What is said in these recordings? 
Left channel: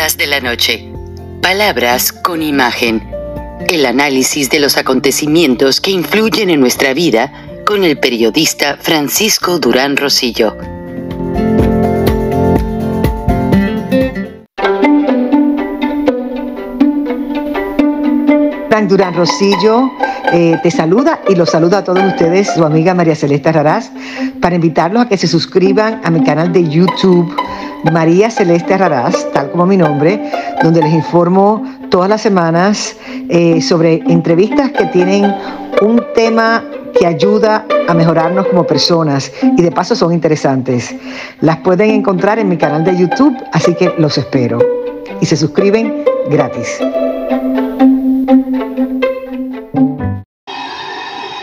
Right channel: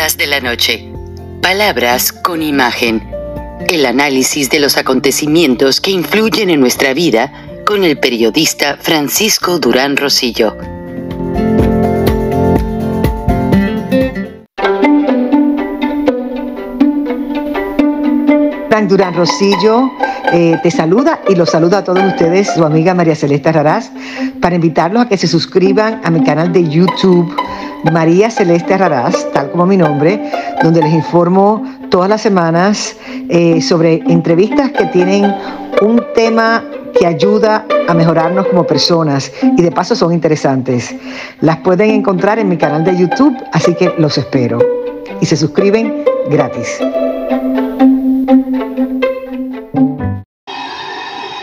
Perlas de la Noche. Palabras con imagen. El análisis de los acontecimientos que influyen en nuestra vida con el periodista Francisco Durán Rosillo. Frank Durán Rosillo te saluda y los saluda a todos ustedes, su amiga María Celeste Raraz, para invitarlos a que se suscriban a mi canal de YouTube, María Celeste Raraz, tal como mi nombre, donde les informo todas las semanas sobre entrevistas que tienen un tema que ayuda a mejorarnos como personas y de paso son interesantes. Las pueden encontrar en mi canal de YouTube, así que los espero. Y se suscriben gratis.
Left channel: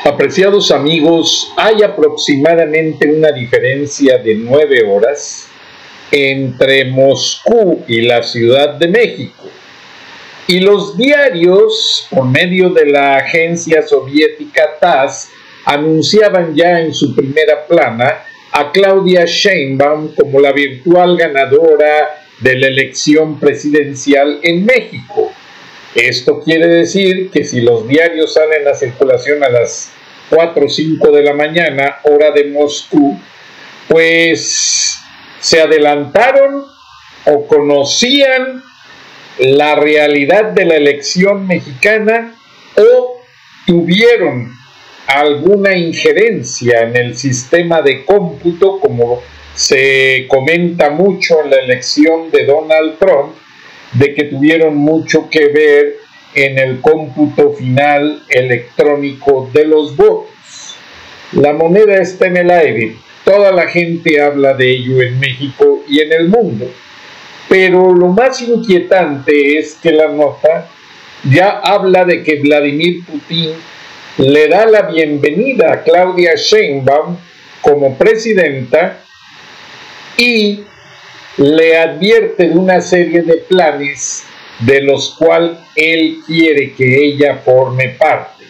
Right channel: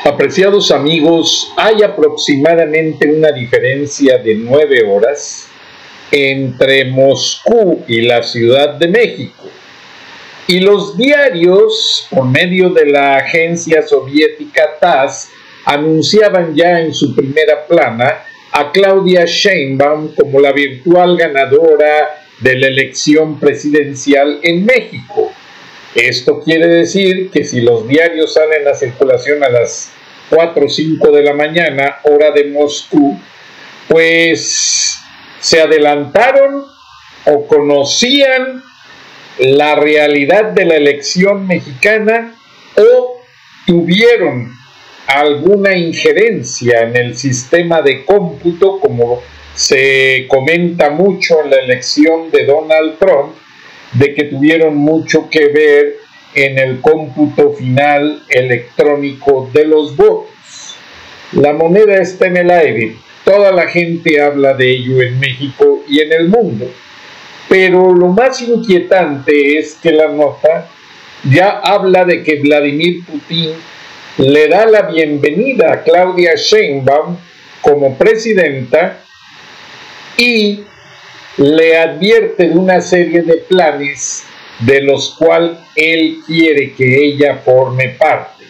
Apreciados amigos, hay aproximadamente una diferencia de 9 horas entre Moscú y la Ciudad de México. Y los diarios, por medio de la agencia soviética TASS, anunciaban ya en su primera plana a Claudia Sheinbaum como la virtual ganadora de la elección presidencial en México. Esto quiere decir que si los diarios salen a circulación a las 4 o 5 de la mañana, hora de Moscú, pues se adelantaron o conocían la realidad de la elección mexicana o tuvieron alguna injerencia en el sistema de cómputo, como se comenta mucho en la elección de Donald Trump, de que tuvieron mucho que ver en el cómputo final electrónico de los votos. La moneda está en el aire, toda la gente habla de ello en México y en el mundo, pero lo más inquietante es que la nota ya habla de que Vladimir Putin le da la bienvenida a Claudia Sheinbaum como presidenta y le advierte de una serie de planes de los cuales él quiere que ella forme parte.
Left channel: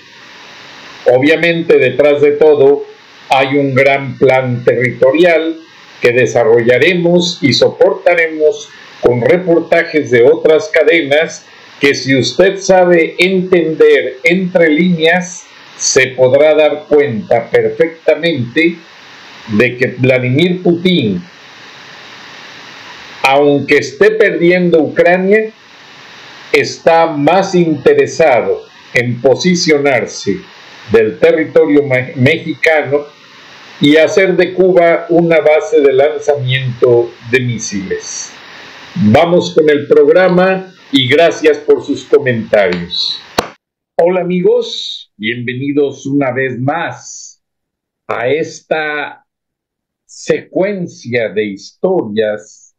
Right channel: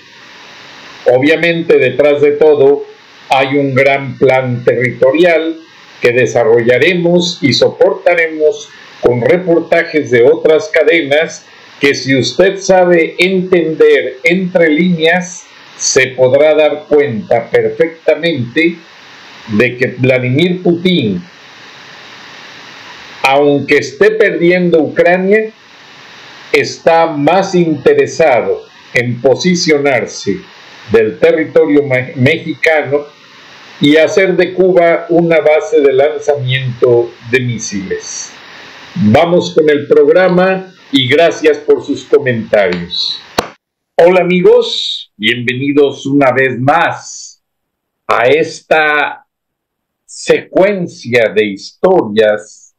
Obviamente, detrás de todo hay un gran plan territorial que desarrollaremos y soportaremos con reportajes de otras cadenas que, si usted sabe entender entre líneas, se podrá dar cuenta perfectamente de que Vladimir Putin, aunque esté perdiendo Ucrania, está más interesado en posicionarse del territorio mexicano y hacer de Cuba una base de lanzamiento de misiles. Vamos con el programa y gracias por sus comentarios. Hola amigos, bienvenidos una vez más a esta secuencia de historias.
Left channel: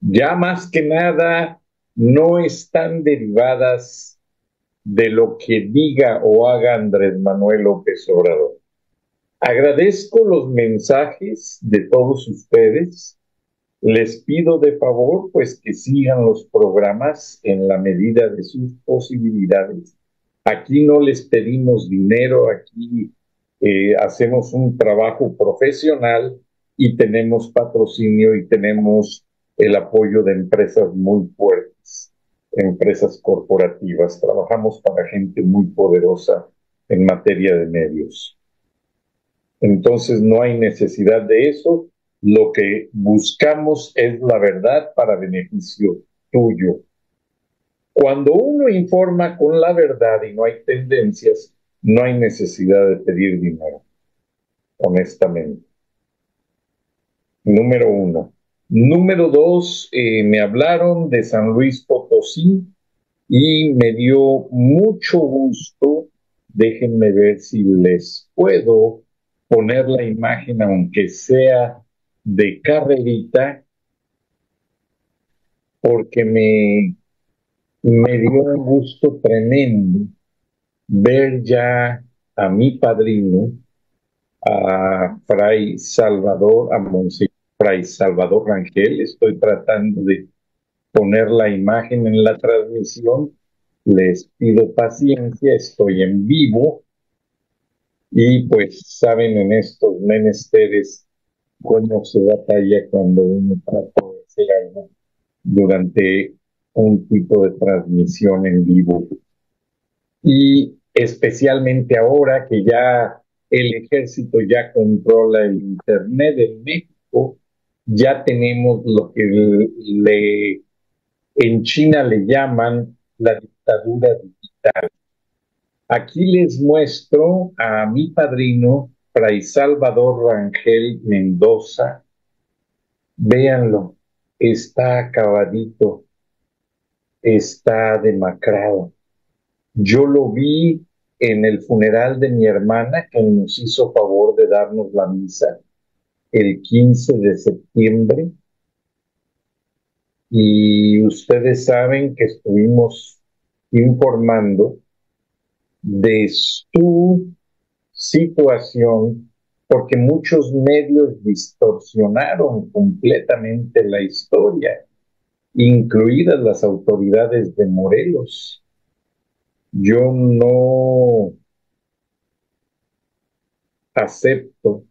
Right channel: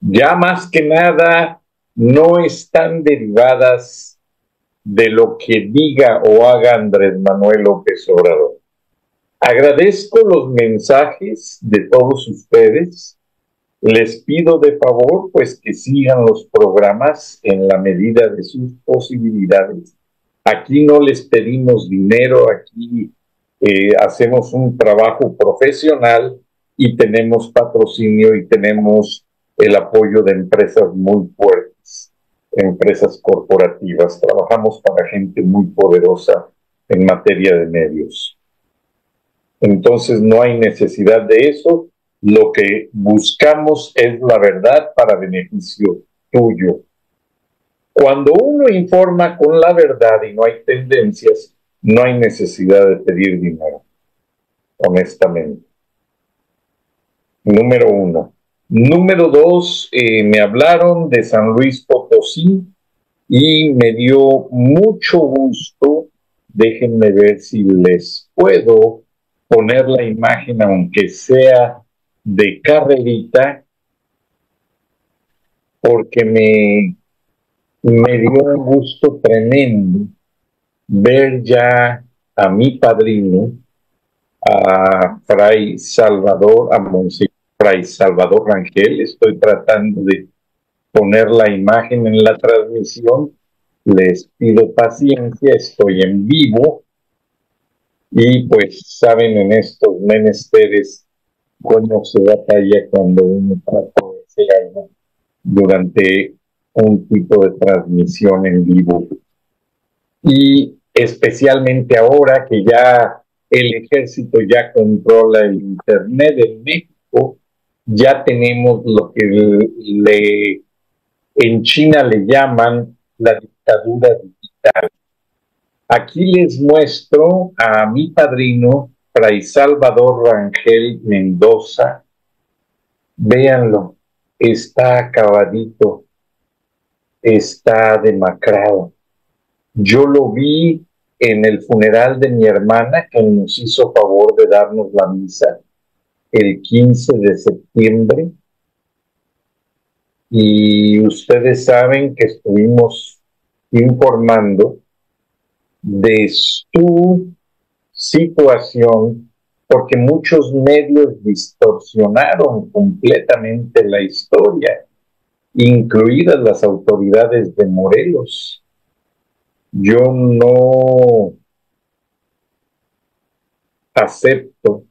Ya más que nada no están derivadas de lo que diga o haga Andrés Manuel López Obrador. Agradezco los mensajes de todos ustedes. Les pido de favor pues que sigan los programas en la medida de sus posibilidades. Aquí no les pedimos dinero, aquí hacemos un trabajo profesional y tenemos patrocinio y tenemos el apoyo de empresas muy fuertes, empresas corporativas. Trabajamos para gente muy poderosa en materia de medios. Entonces no hay necesidad de eso. Lo que buscamos es la verdad para beneficio tuyo. Cuando uno informa con la verdad y no hay tendencias, no hay necesidad de pedir dinero, honestamente. Número 1. Número 2, me hablaron de San Luis Potosí y me dio mucho gusto. Déjenme ver si les puedo poner la imagen, aunque sea de carrerita, porque me dio un gusto tremendo ver ya a mi padrino, a Fray Salvador, a Monseñor Fray Salvador Rangel. Estoy tratando de poner la imagen en la transmisión. Les pido paciencia, estoy en vivo y pues saben en estos menesteres cómo se batalla cuando uno trata de hacer algo durante un tipo de transmisión en vivo. Y especialmente ahora que ya el ejército ya controla el Internet en México, ya tenemos lo que en China le llaman la dictadura digital. Aquí les muestro a mi padrino, Fray Salvador Rangel Mendoza. Véanlo, está acabadito, está demacrado. Yo lo vi en el funeral de mi hermana, que nos hizo favor de darnos la misa el 15 de septiembre. Y ustedes saben que estuvimos informando de su situación porque muchos medios distorsionaron completamente la historia, incluidas las autoridades de Morelos. Yo no acepto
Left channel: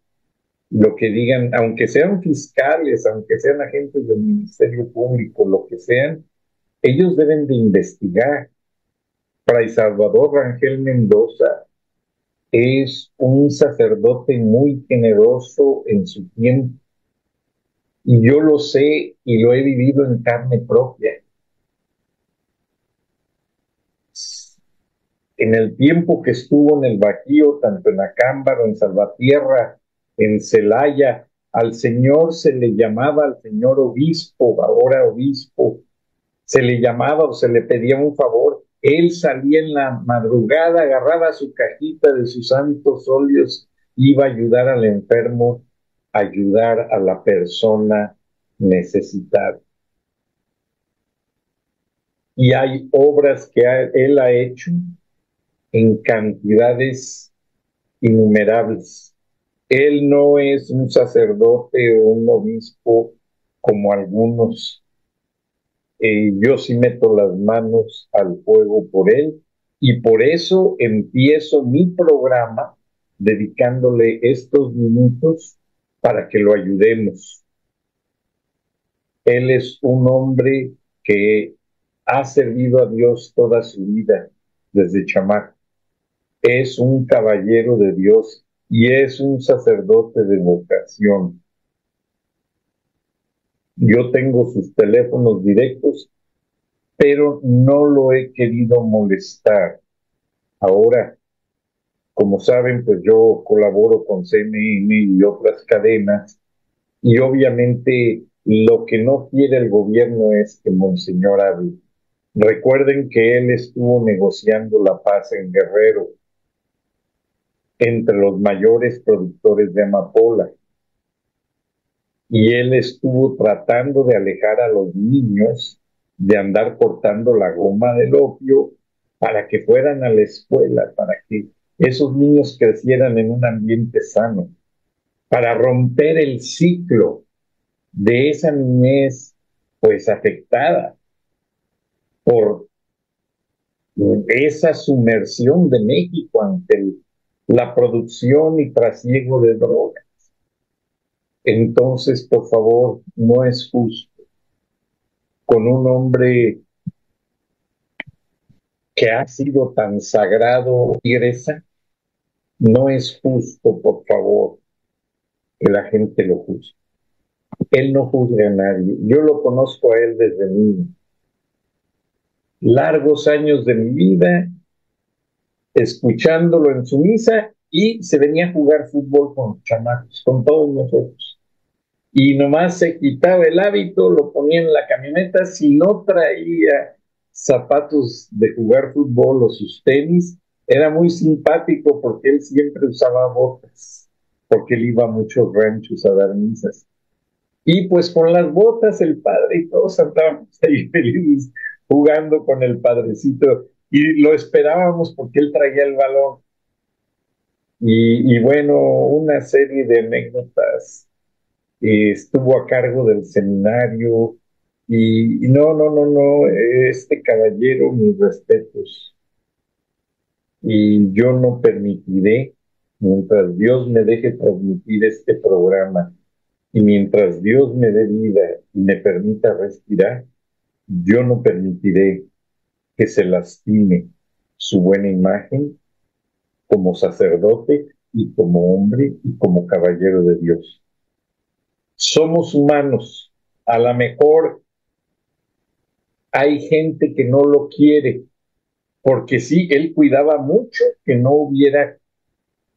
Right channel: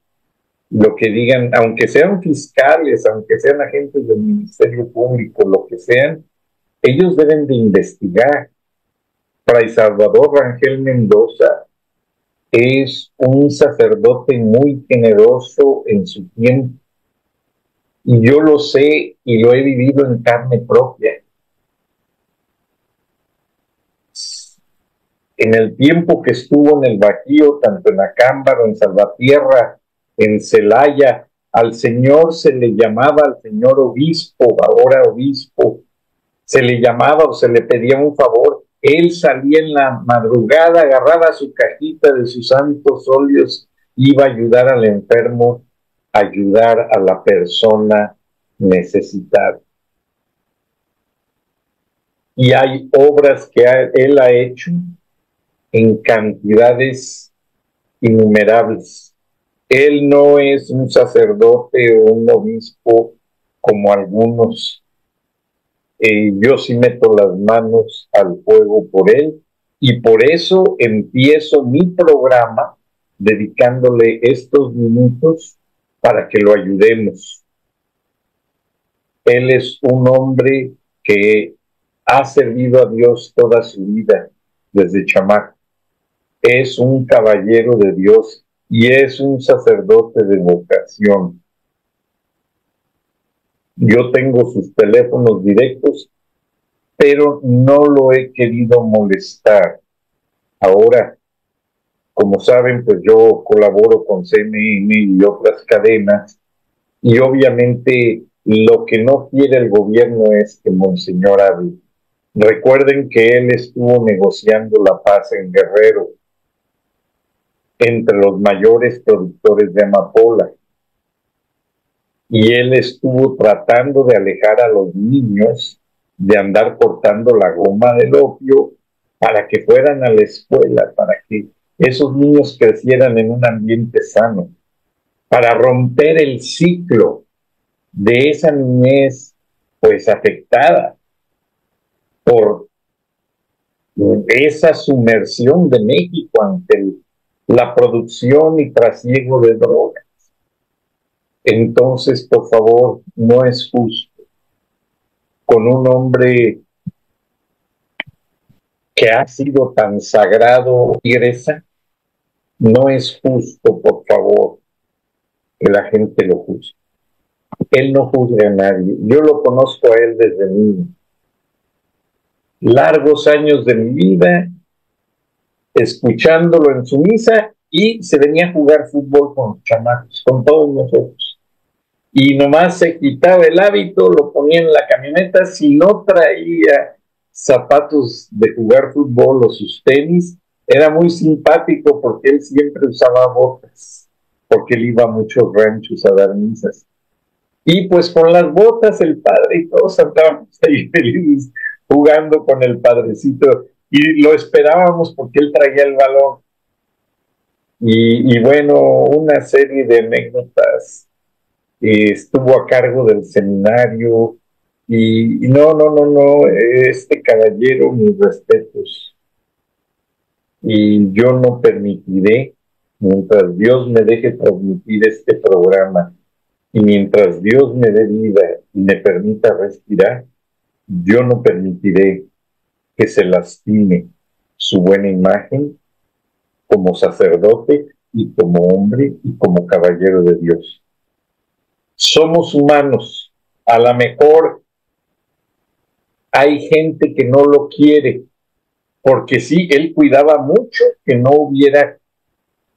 lo que digan, aunque sean fiscales, aunque sean agentes del Ministerio Público, lo que sean, ellos deben de investigar. Fray Salvador Rangel Mendoza es un sacerdote muy generoso en su tiempo, y yo lo sé y lo he vivido en carne propia. En el tiempo que estuvo en el Bajío, tanto en Acámbaro, en Salvatierra, en Celaya, al señor se le llamaba, al señor obispo, ahora obispo, se le llamaba o se le pedía un favor. Él salía en la madrugada, agarraba su cajita de sus santos óleos, iba a ayudar al enfermo, ayudar a la persona necesitada. Y hay obras que él ha hecho en cantidades innumerables. Él no es un sacerdote o un obispo como algunos. Yo sí meto las manos al fuego por él, y por eso empiezo mi programa dedicándole estos minutos para que lo ayudemos. Él es un hombre que ha servido a Dios toda su vida desde chamaco. Es un caballero de Dios y es un sacerdote de vocación. Yo tengo sus teléfonos directos, pero no lo he querido molestar. Ahora, como saben, pues yo colaboro con CNN y otras cadenas, y obviamente lo que no quiere el gobierno es que Monseñor hable. Recuerden que él estuvo negociando la paz en Guerrero entre los mayores productores de amapola, y él estuvo tratando de alejar a los niños de andar cortando la goma del opio para que fueran a la escuela, para que esos niños crecieran en un ambiente sano, para romper el ciclo de esa niñez pues afectada por esa sumersión de México ante la producción y trasiego de drogas. Entonces, por favor, no es justo con un hombre que ha sido tan sagrado, tigresa, no es justo, por favor, que la gente lo juzgue. Él no juzga a nadie. Yo lo conozco a él desde niño. Largos años de mi vida escuchándolo en su misa, y se venía a jugar fútbol con los chamacos, con todos nosotros. Y nomás se quitaba el hábito, lo ponía en la camioneta. Si no traía zapatos de jugar fútbol o sus tenis, era muy simpático porque él siempre usaba botas, porque él iba a muchos ranchos a dar misas. Y pues con las botas el padre y todos andábamos ahí felices jugando con el padrecito, y lo esperábamos porque él traía el balón. Y bueno, una serie de anécdotas. Estuvo a cargo del seminario, y no, este caballero, mis respetos. Y yo no permitiré, mientras Dios me deje transmitir este programa, y mientras Dios me dé vida y me permita respirar, Yo no permitiré que se lastime su buena imagen como sacerdote y como hombre y como caballero de Dios. Somos humanos. A lo mejor hay gente que no lo quiere, porque sí, él cuidaba mucho que no hubiera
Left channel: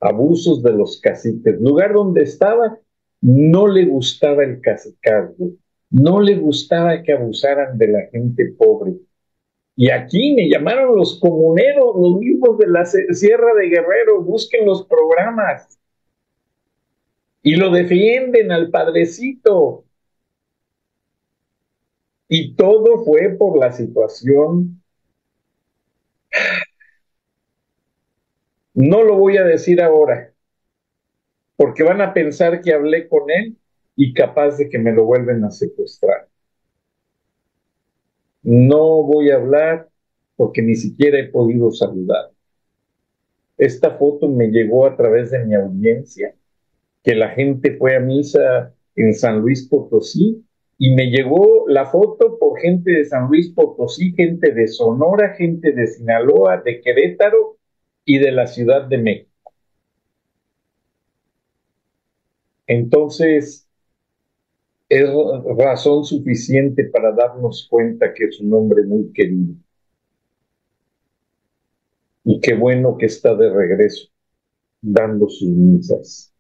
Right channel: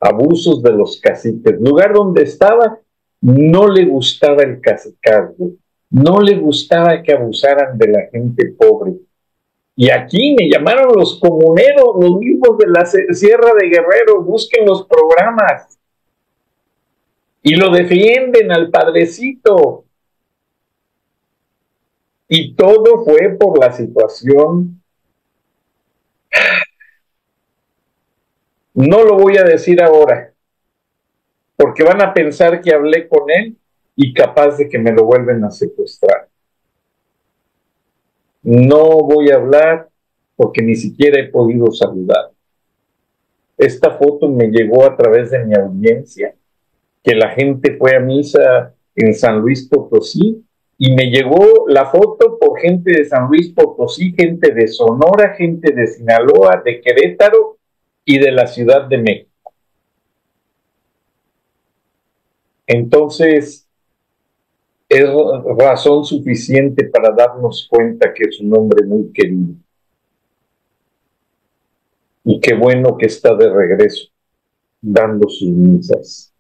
abusos de los caciques. El lugar donde estaba, no le gustaba el cacicazgo, no le gustaba que abusaran de la gente pobre. Y aquí me llamaron los comuneros, los mismos de la Sierra de Guerrero, busquen los programas. Y lo defienden al padrecito. Y todo fue por la situación. No lo voy a decir ahora, porque van a pensar que hablé con él y capaz de que me lo vuelven a secuestrar. No voy a hablar porque ni siquiera he podido saludar. Esta foto me llegó a través de mi audiencia, que la gente fue a misa en San Luis Potosí, y me llegó la foto por gente de San Luis Potosí, gente de Sonora, gente de Sinaloa, de Querétaro y de la Ciudad de México. Entonces, es razón suficiente para darnos cuenta que es un hombre muy querido. Y qué bueno que está de regreso, dando sus misas.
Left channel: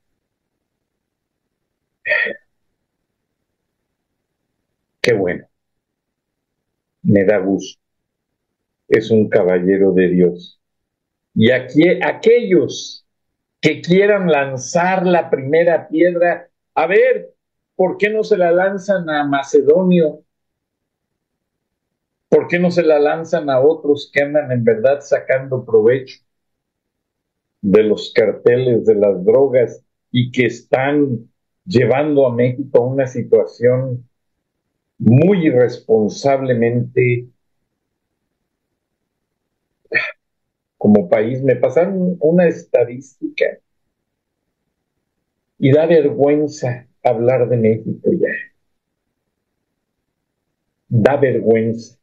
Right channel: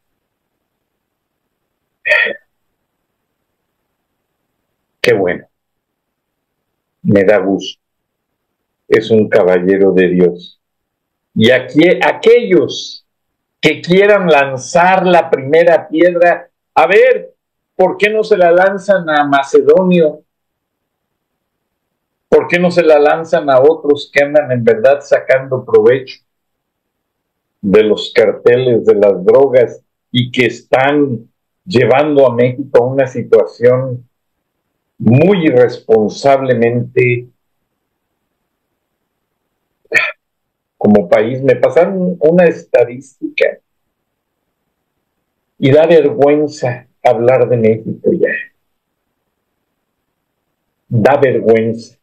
Qué bueno. Me da gusto. Es un caballero de Dios. Y aquí, aquellos que quieran lanzar la primera piedra, a ver, ¿por qué no se la lanzan a Macedonio? ¿Por qué no se la lanzan a otros que andan en verdad sacando provecho de los carteles, de las drogas, y que están llevando a México a una situación muy irresponsablemente como país? Me pasaron una estadística y da vergüenza hablar de México ya. Da vergüenza.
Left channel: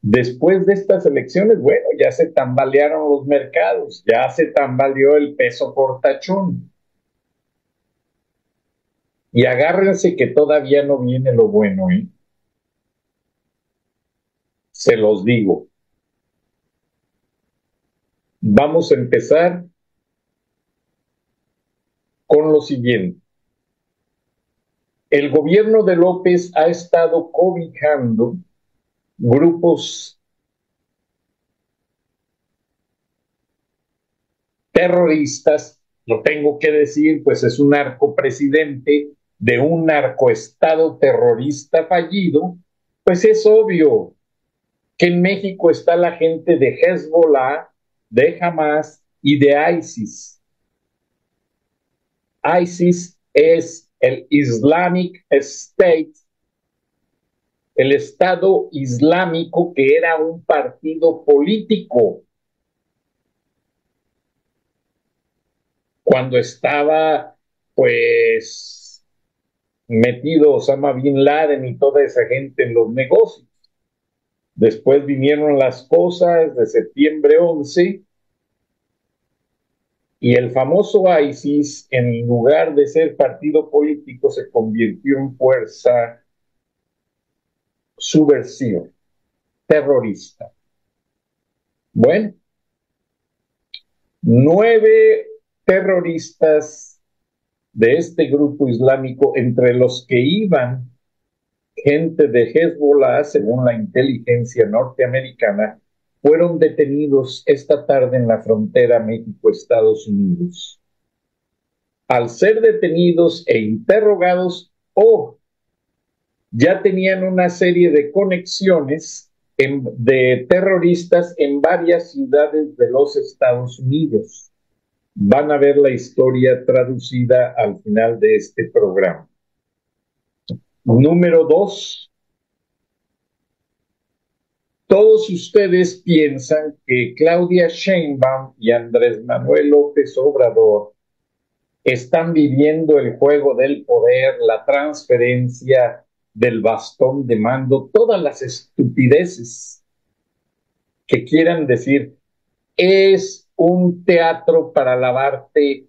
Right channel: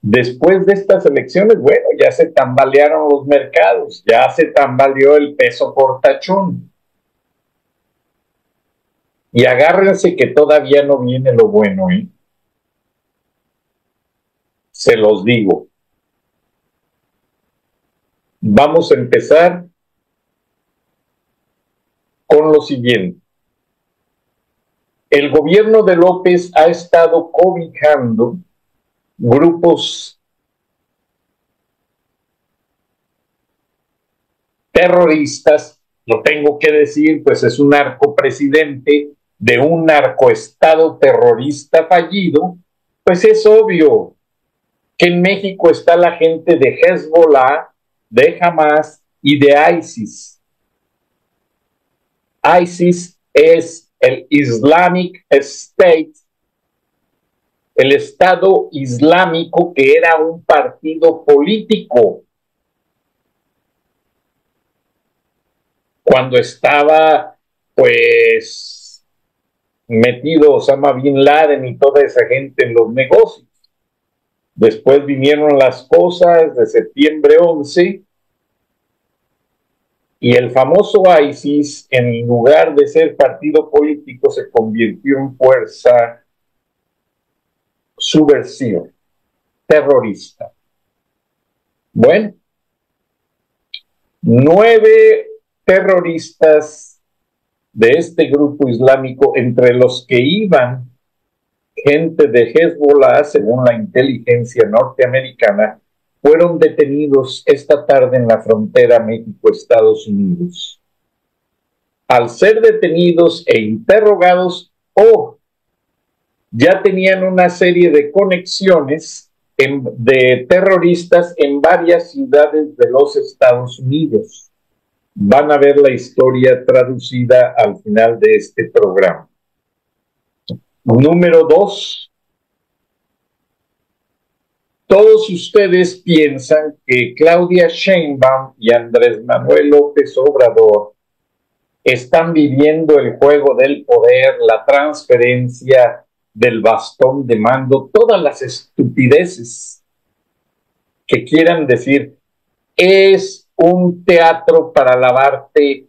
Después de estas elecciones, bueno, ya se tambalearon los mercados, ya se tambaleó el peso portachón. Y agárrense que todavía no viene lo bueno, ¿eh? Se los digo. Vamos a empezar con lo siguiente. El gobierno de López ha estado cobijando grupos terroristas, lo tengo que decir, pues es un narcopresidente de un narcoestado terrorista fallido, pues es obvio que en México está la gente de Hezbollah, de Hamas y de ISIS. ISIS es el Islamic State, el Estado Islámico, que era un partido político. Cuando estaba, pues, metido Osama Bin Laden y toda esa gente en los negocios. Después vinieron las cosas de septiembre 11 y el famoso ISIS, en lugar de ser partido político, se convirtió en fuerza subversiva, terrorista. Bueno, 9 terroristas de este grupo islámico, entre los que iban gente de Hezbollah, según la inteligencia norteamericana, fueron detenidos esta tarde en la frontera México-Estados Unidos. Al ser detenidos e interrogados, ya tenían una serie de conexiones de terroristas en varias ciudades de los Estados Unidos. Van a ver la historia traducida al final de este programa. Número 2. Todos ustedes piensan que Claudia Sheinbaum y Andrés Manuel López Obrador están viviendo el juego del poder, la transferencia del bastón de mando, todas las estupideces que quieran decir. Es un teatro para lavarte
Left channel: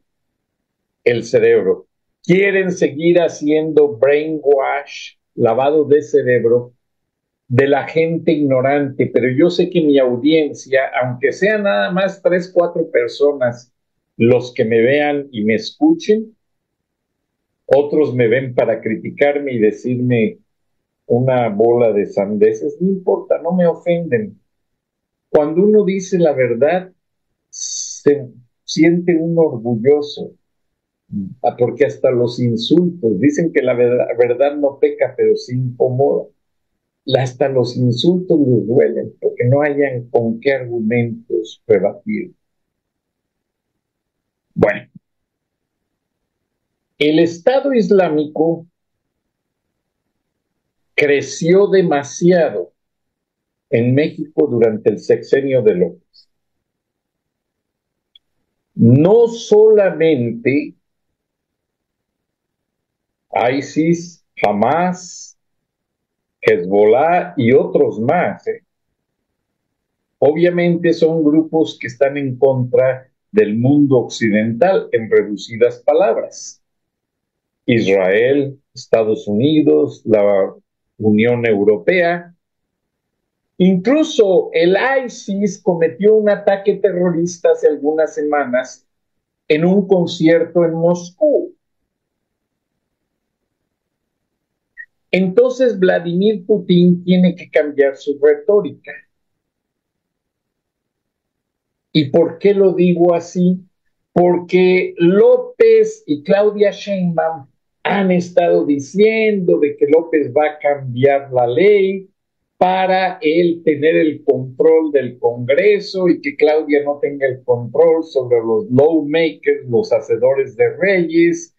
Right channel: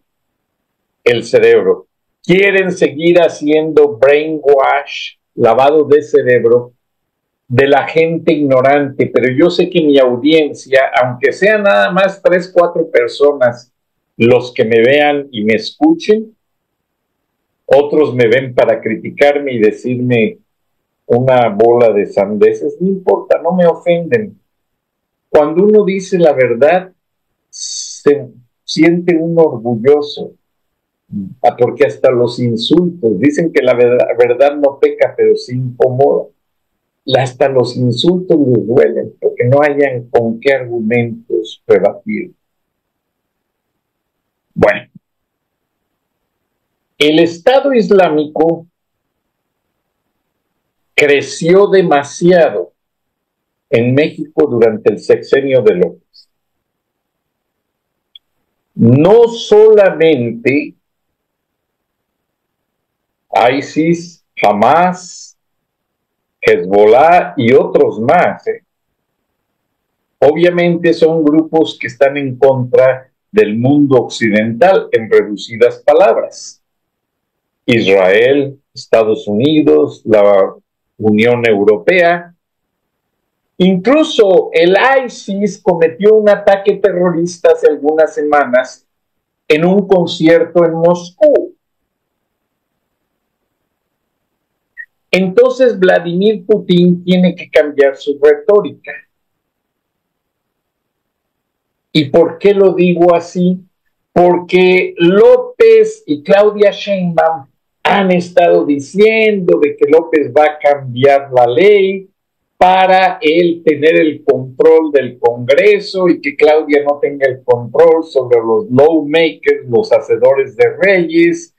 el cerebro. Quieren seguir haciendo brainwash, lavado de cerebro, de la gente ignorante, pero yo sé que mi audiencia, aunque sean nada más 3, 4 personas los que me vean y me escuchen, otros me ven para criticarme y decirme una bola de sandeces, no importa, no me ofenden. Cuando uno dice la verdad, se siente uno orgulloso, porque hasta los insultos, dicen que la verdad no peca, pero sí incomoda. Hasta los insultos les duelen, porque no hayan con qué argumentos rebatir. Bueno, el Estado Islámico creció demasiado en México durante el sexenio de López. No solamente ISIS, Hamas, Hezbollah y otros más. Obviamente son grupos que están en contra del mundo occidental, en reducidas palabras. Israel, Estados Unidos, la Unión Europea. Incluso el ISIS cometió un ataque terrorista hace algunas semanas en un concierto en Moscú. Entonces Vladimir Putin tiene que cambiar su retórica. ¿Y por qué lo digo así? Porque López y Claudia Sheinbaum han estado diciendo de que López va a cambiar la ley para él tener el control del Congreso y que Claudia no tenga el control sobre los lawmakers, los hacedores de leyes,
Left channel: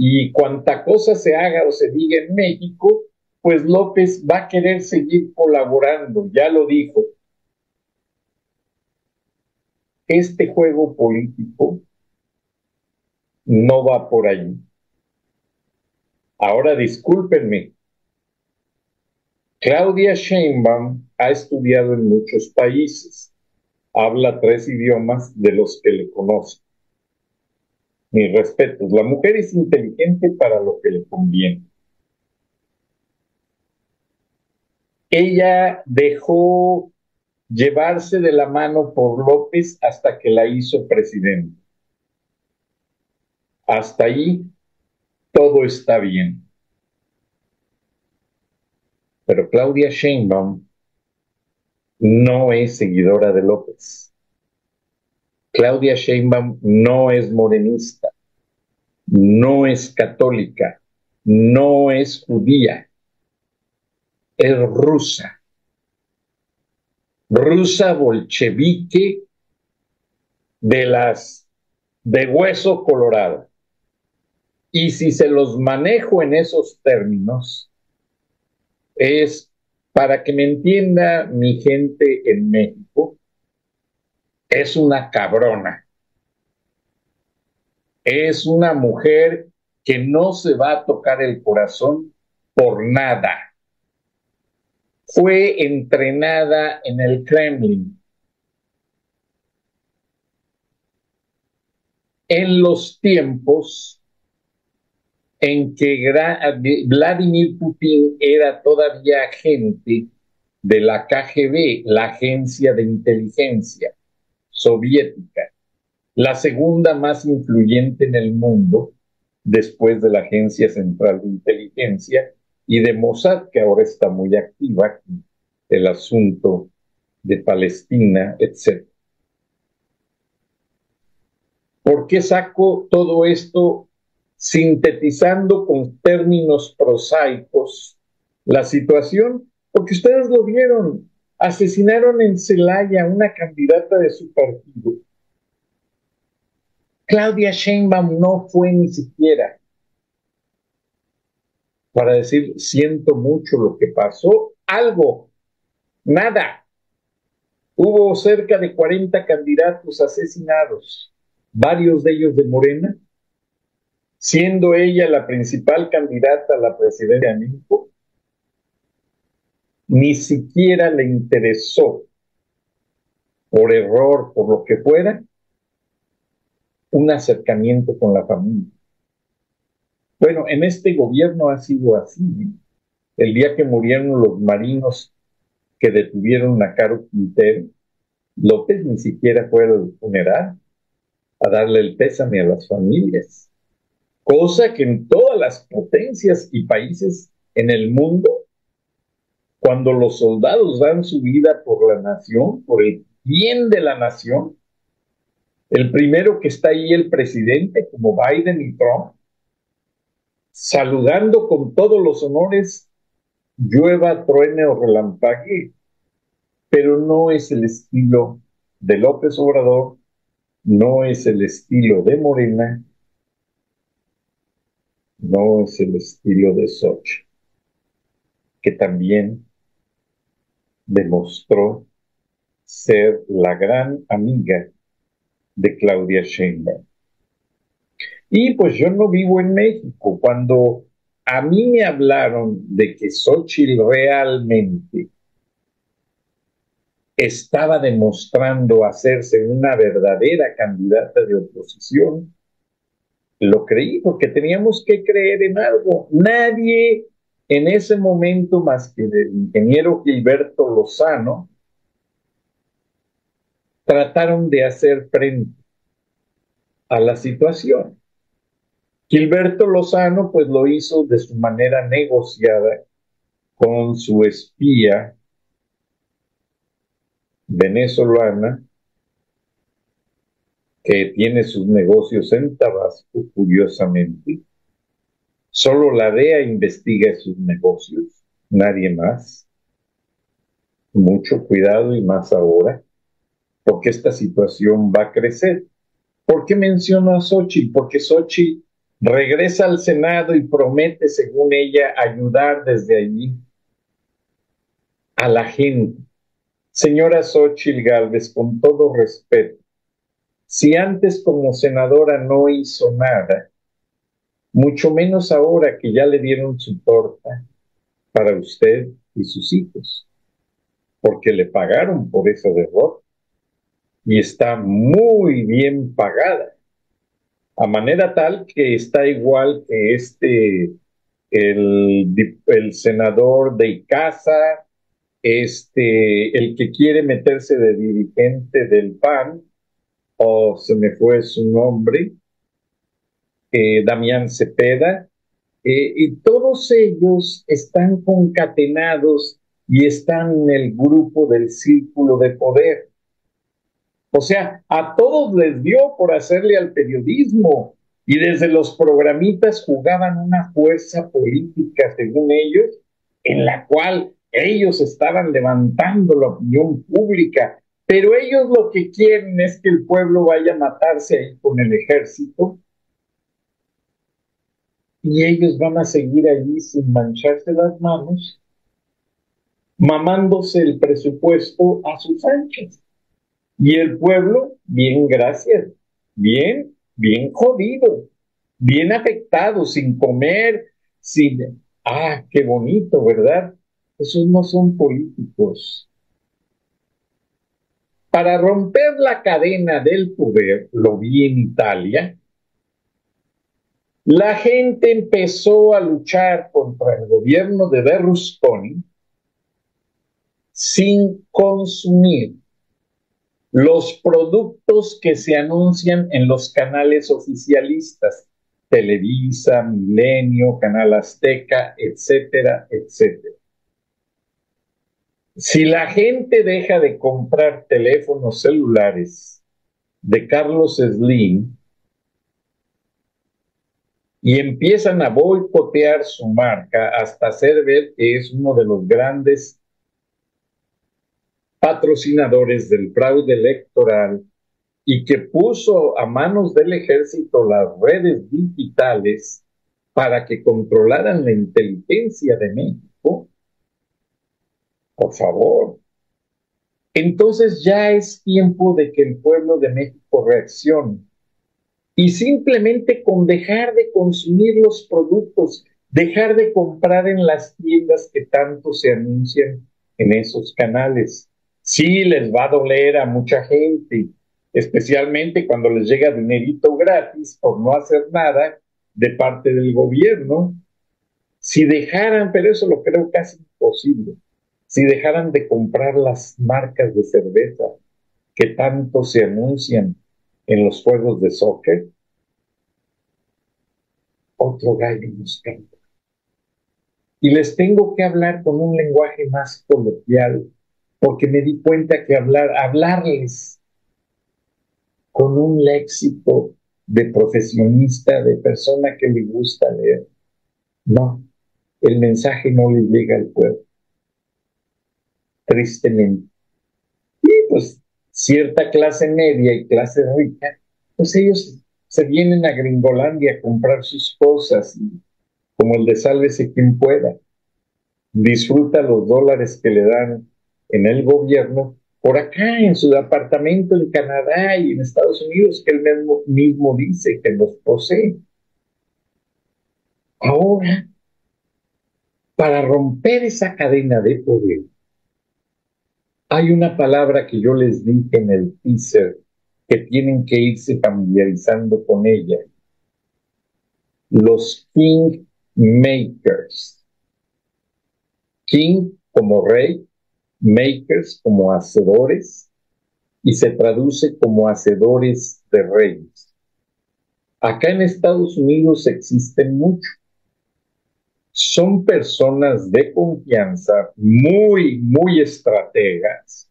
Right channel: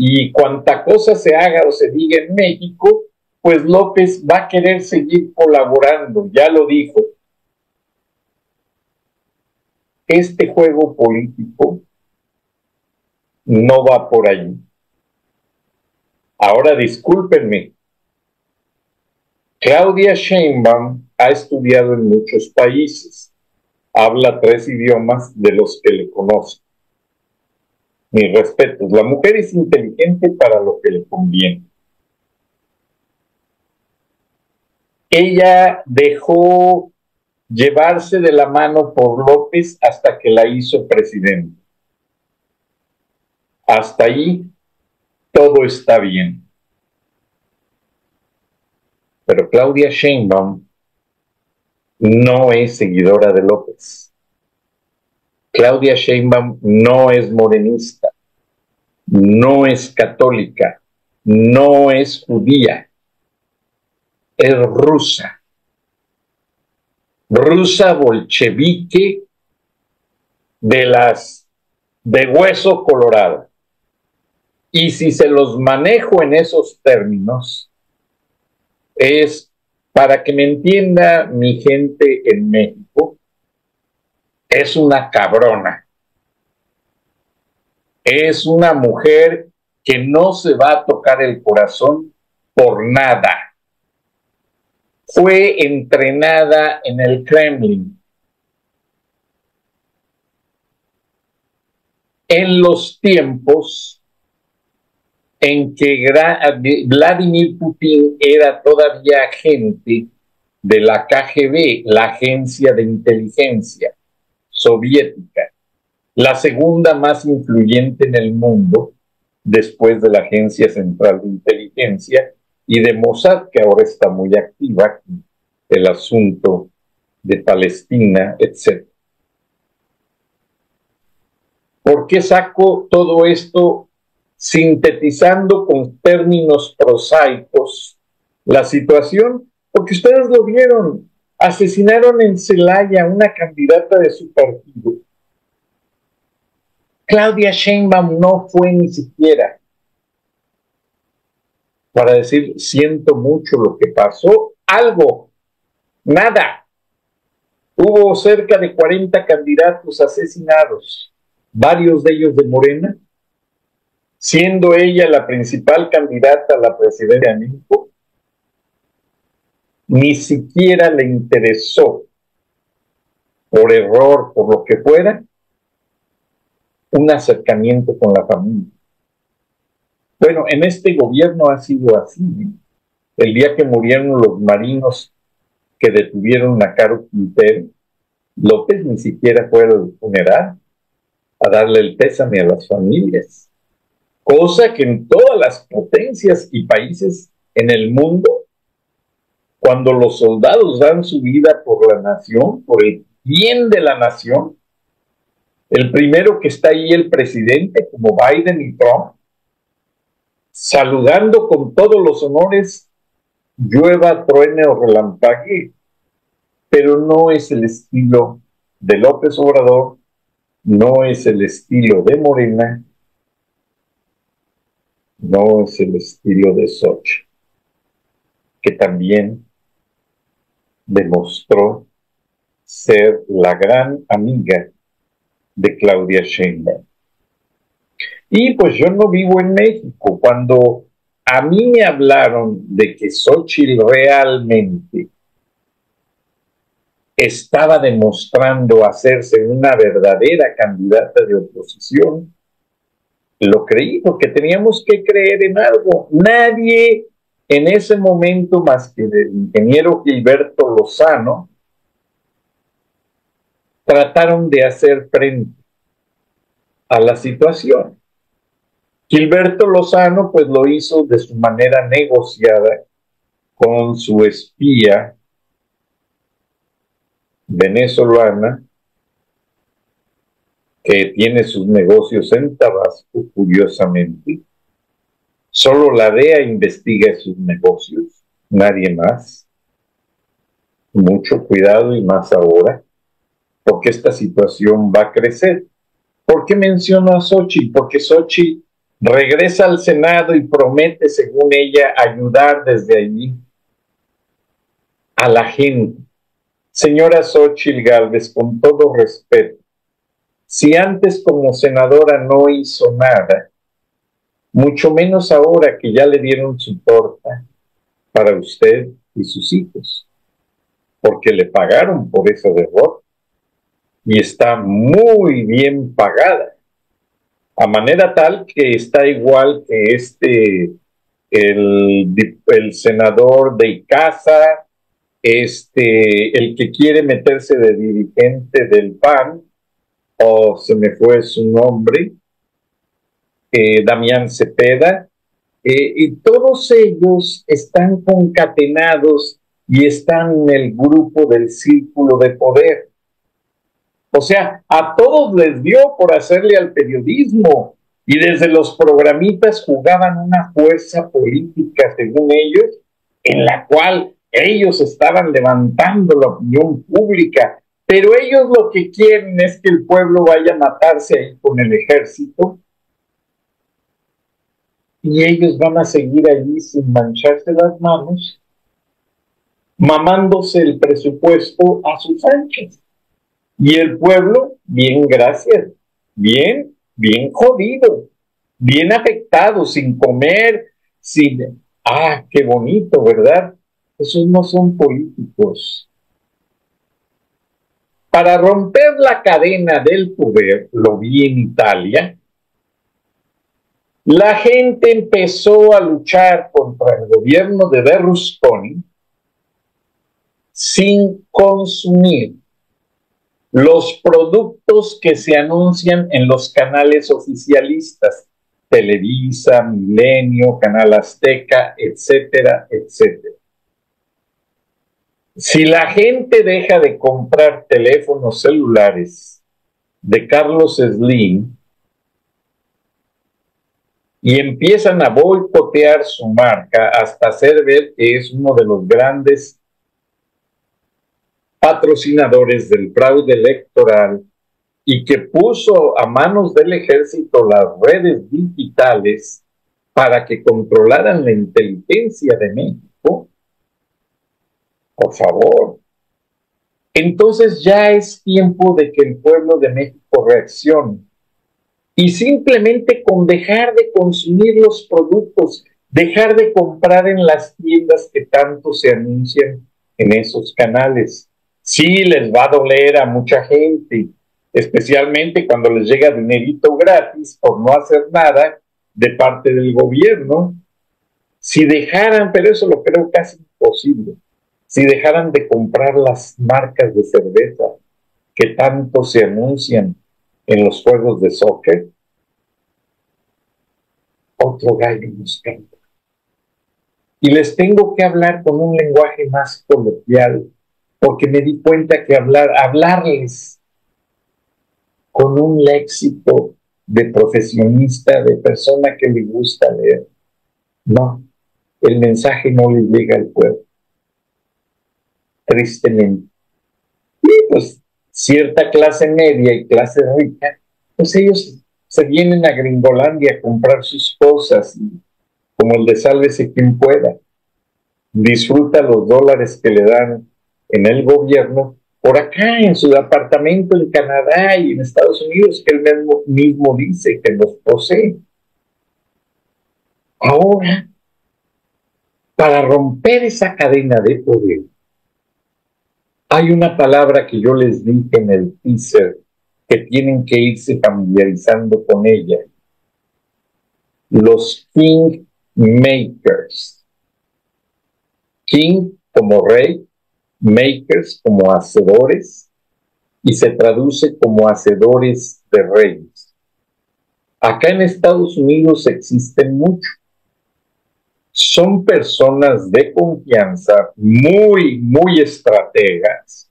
y cuanta cosa se haga o se diga en México, pues López va a querer seguir colaborando, ya lo dijo. Este juego político no va por allí. Ahora discúlpenme, Claudia Sheinbaum ha estudiado en muchos países, habla 3 idiomas de los que le conocen. Mis respetos, la mujer es inteligente para lo que le conviene. Ella dejó llevarse de la mano por López hasta que la hizo presidente. Hasta ahí todo está bien. Pero Claudia Sheinbaum no es seguidora de López. Claudia Sheinbaum no es morenista, no es católica, no es judía, es rusa. Rusa bolchevique de hueso colorado. Y si se los manejo en esos términos, es para que me entienda mi gente en México, es una cabrona. Es una mujer que no se va a tocar el corazón por nada. Fue entrenada en el Kremlin. En los tiempos en que Vladimir Putin era todavía agente de la KGB, la agencia de inteligencia soviética, la segunda más influyente en el mundo después de la Agencia Central de Inteligencia y de Mossad, que ahora está muy activa, el asunto de Palestina, etc. ¿Por qué saco todo esto sintetizando con términos prosaicos la situación? Porque ustedes lo vieron, asesinaron en Celaya a una candidata de su partido. Claudia Sheinbaum no fue ni siquiera para decir, siento mucho lo que pasó, algo, nada. Hubo cerca de 40 candidatos asesinados, varios de ellos de Morena, siendo ella la principal candidata a la presidencia de México, ni siquiera le interesó, por error, por lo que fuera, un acercamiento con la familia. Bueno, en este gobierno ha sido así, ¿eh? El día que murieron los marinos que detuvieron a Caro Quintero, López ni siquiera fue al funeral a darle el pésame a las familias, cosa que en todas las potencias y países en el mundo, cuando los soldados dan su vida por la nación, por el bien de la nación, el primero que está ahí, el presidente, como Biden y Trump, saludando con todos los honores, llueva, truene o relampaguee, pero no es el estilo de López Obrador, no es el estilo de Morena, no es el estilo de Xochitl, que también demostró ser la gran amiga de Claudia Sheinbaum. Y pues yo no vivo en México. Cuando a mí me hablaron de que Xochitl realmente estaba demostrando hacerse una verdadera candidata de oposición, lo creí porque teníamos que creer en algo. Nadie en ese momento más que el ingeniero Gilberto Lozano trataron de hacer frente a la situación. Gilberto Lozano pues lo hizo de su manera negociada con su espía venezolana que tiene sus negocios en Tabasco, curiosamente. Solo la DEA investiga sus negocios, nadie más. Mucho cuidado y más ahora, porque esta situación va a crecer. ¿Por qué menciono a Xochitl? Porque Xochitl regresa al Senado y promete, según ella, ayudar desde allí a la gente. Señora Xochitl Gálvez, con todo respeto, si antes como senadora no hizo nada, mucho menos ahora que ya le dieron su torta para usted y sus hijos, porque le pagaron por esa derrota y está muy bien pagada, a manera tal que está igual que el senador de Icaza, el que quiere meterse de dirigente del PAN, o se me fue su nombre, Damián Cepeda, y todos ellos están concatenados y están en el grupo del círculo de poder. O sea, a todos les dio por hacerle al periodismo y desde los programitas jugaban una fuerza política, según ellos, en la cual ellos estaban levantando la opinión pública, pero ellos lo que quieren es que el pueblo vaya a matarse ahí con el ejército y ellos van a seguir allí sin mancharse las manos, mamándose el presupuesto a sus anchas. Y el pueblo, bien, gracias, bien jodido, bien afectado, sin comer, sin... Ah, qué bonito, ¿verdad? Esos no son políticos. Para romper la cadena del poder, lo vi en Italia, la gente empezó a luchar contra el gobierno de Berlusconi sin consumir los productos que se anuncian en los canales oficialistas, Televisa, Milenio, Canal Azteca, etcétera, etcétera. Si la gente deja de comprar teléfonos celulares de Carlos Slim y empiezan a boicotear su marca hasta hacer ver que es uno de los grandes patrocinadores del fraude electoral y que puso a manos del ejército las redes digitales para que controlaran la inteligencia de México, por favor. Entonces ya es tiempo de que el pueblo de México reaccione. Y simplemente con dejar de consumir los productos, dejar de comprar en las tiendas que tanto se anuncian en esos canales. Sí les va a doler a mucha gente, especialmente cuando les llega dinerito gratis por no hacer nada de parte del gobierno. Si dejaran, pero eso lo creo casi imposible, si dejaran de comprar las marcas de cerveza que tanto se anuncian en los juegos de soccer, otro gallo nos canta. Y les tengo que hablar con un lenguaje más coloquial, porque me di cuenta que hablarles con un léxico de profesionista, de persona que le gusta leer, no, el mensaje no le llega al pueblo, tristemente. Y pues cierta clase media y clase rica, pues ellos se vienen a Gringolandia a comprar sus cosas, y como el de sálvese quien pueda, disfruta los dólares que le dan en el gobierno, por acá en su apartamento en Canadá y en Estados Unidos, que él mismo dice que los posee. Ahora, para romper esa cadena de poder, hay una palabra que yo les dije en el teaser, que tienen que irse familiarizando con ella: los kingmakers. King como rey, makers como hacedores, y se traduce como hacedores de reyes. Acá en Estados Unidos existen muchos. Son personas de confianza, muy estrategas,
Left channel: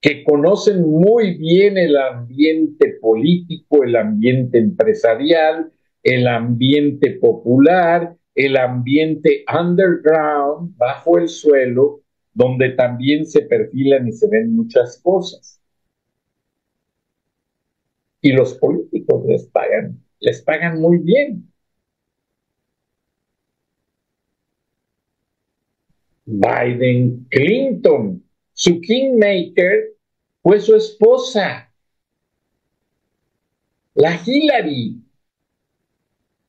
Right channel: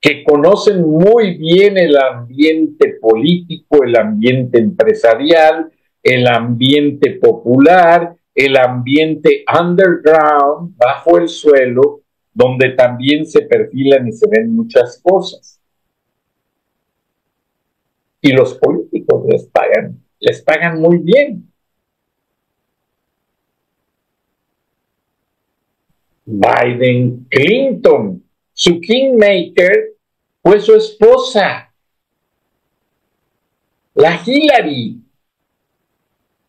que conocen muy bien el ambiente político, el ambiente empresarial, el ambiente popular, el ambiente underground, bajo el suelo, donde también se perfilan y se ven muchas cosas. Y los políticos les pagan muy bien. Biden, Clinton, su kingmaker fue su esposa, la Hillary,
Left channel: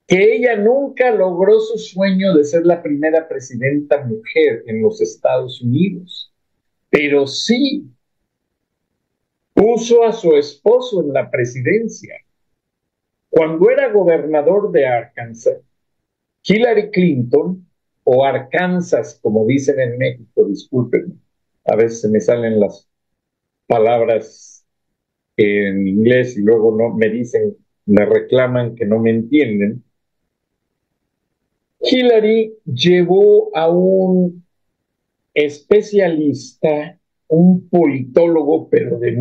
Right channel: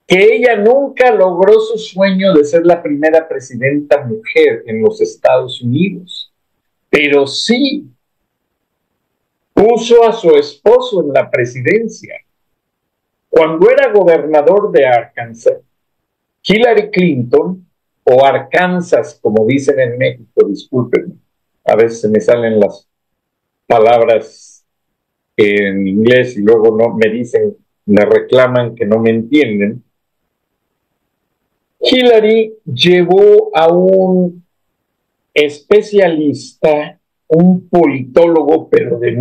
que ella nunca logró su sueño de ser la primera presidenta mujer en los Estados Unidos, pero sí puso a su esposo en la presidencia. Cuando era gobernador de Arkansas, Hillary Clinton, o Arkansas, como dicen en México, discúlpenme, a veces se me salen las palabras en inglés y luego no me dicen, me reclaman que no me entienden. Hillary llevó a un especialista, un politólogo, pero de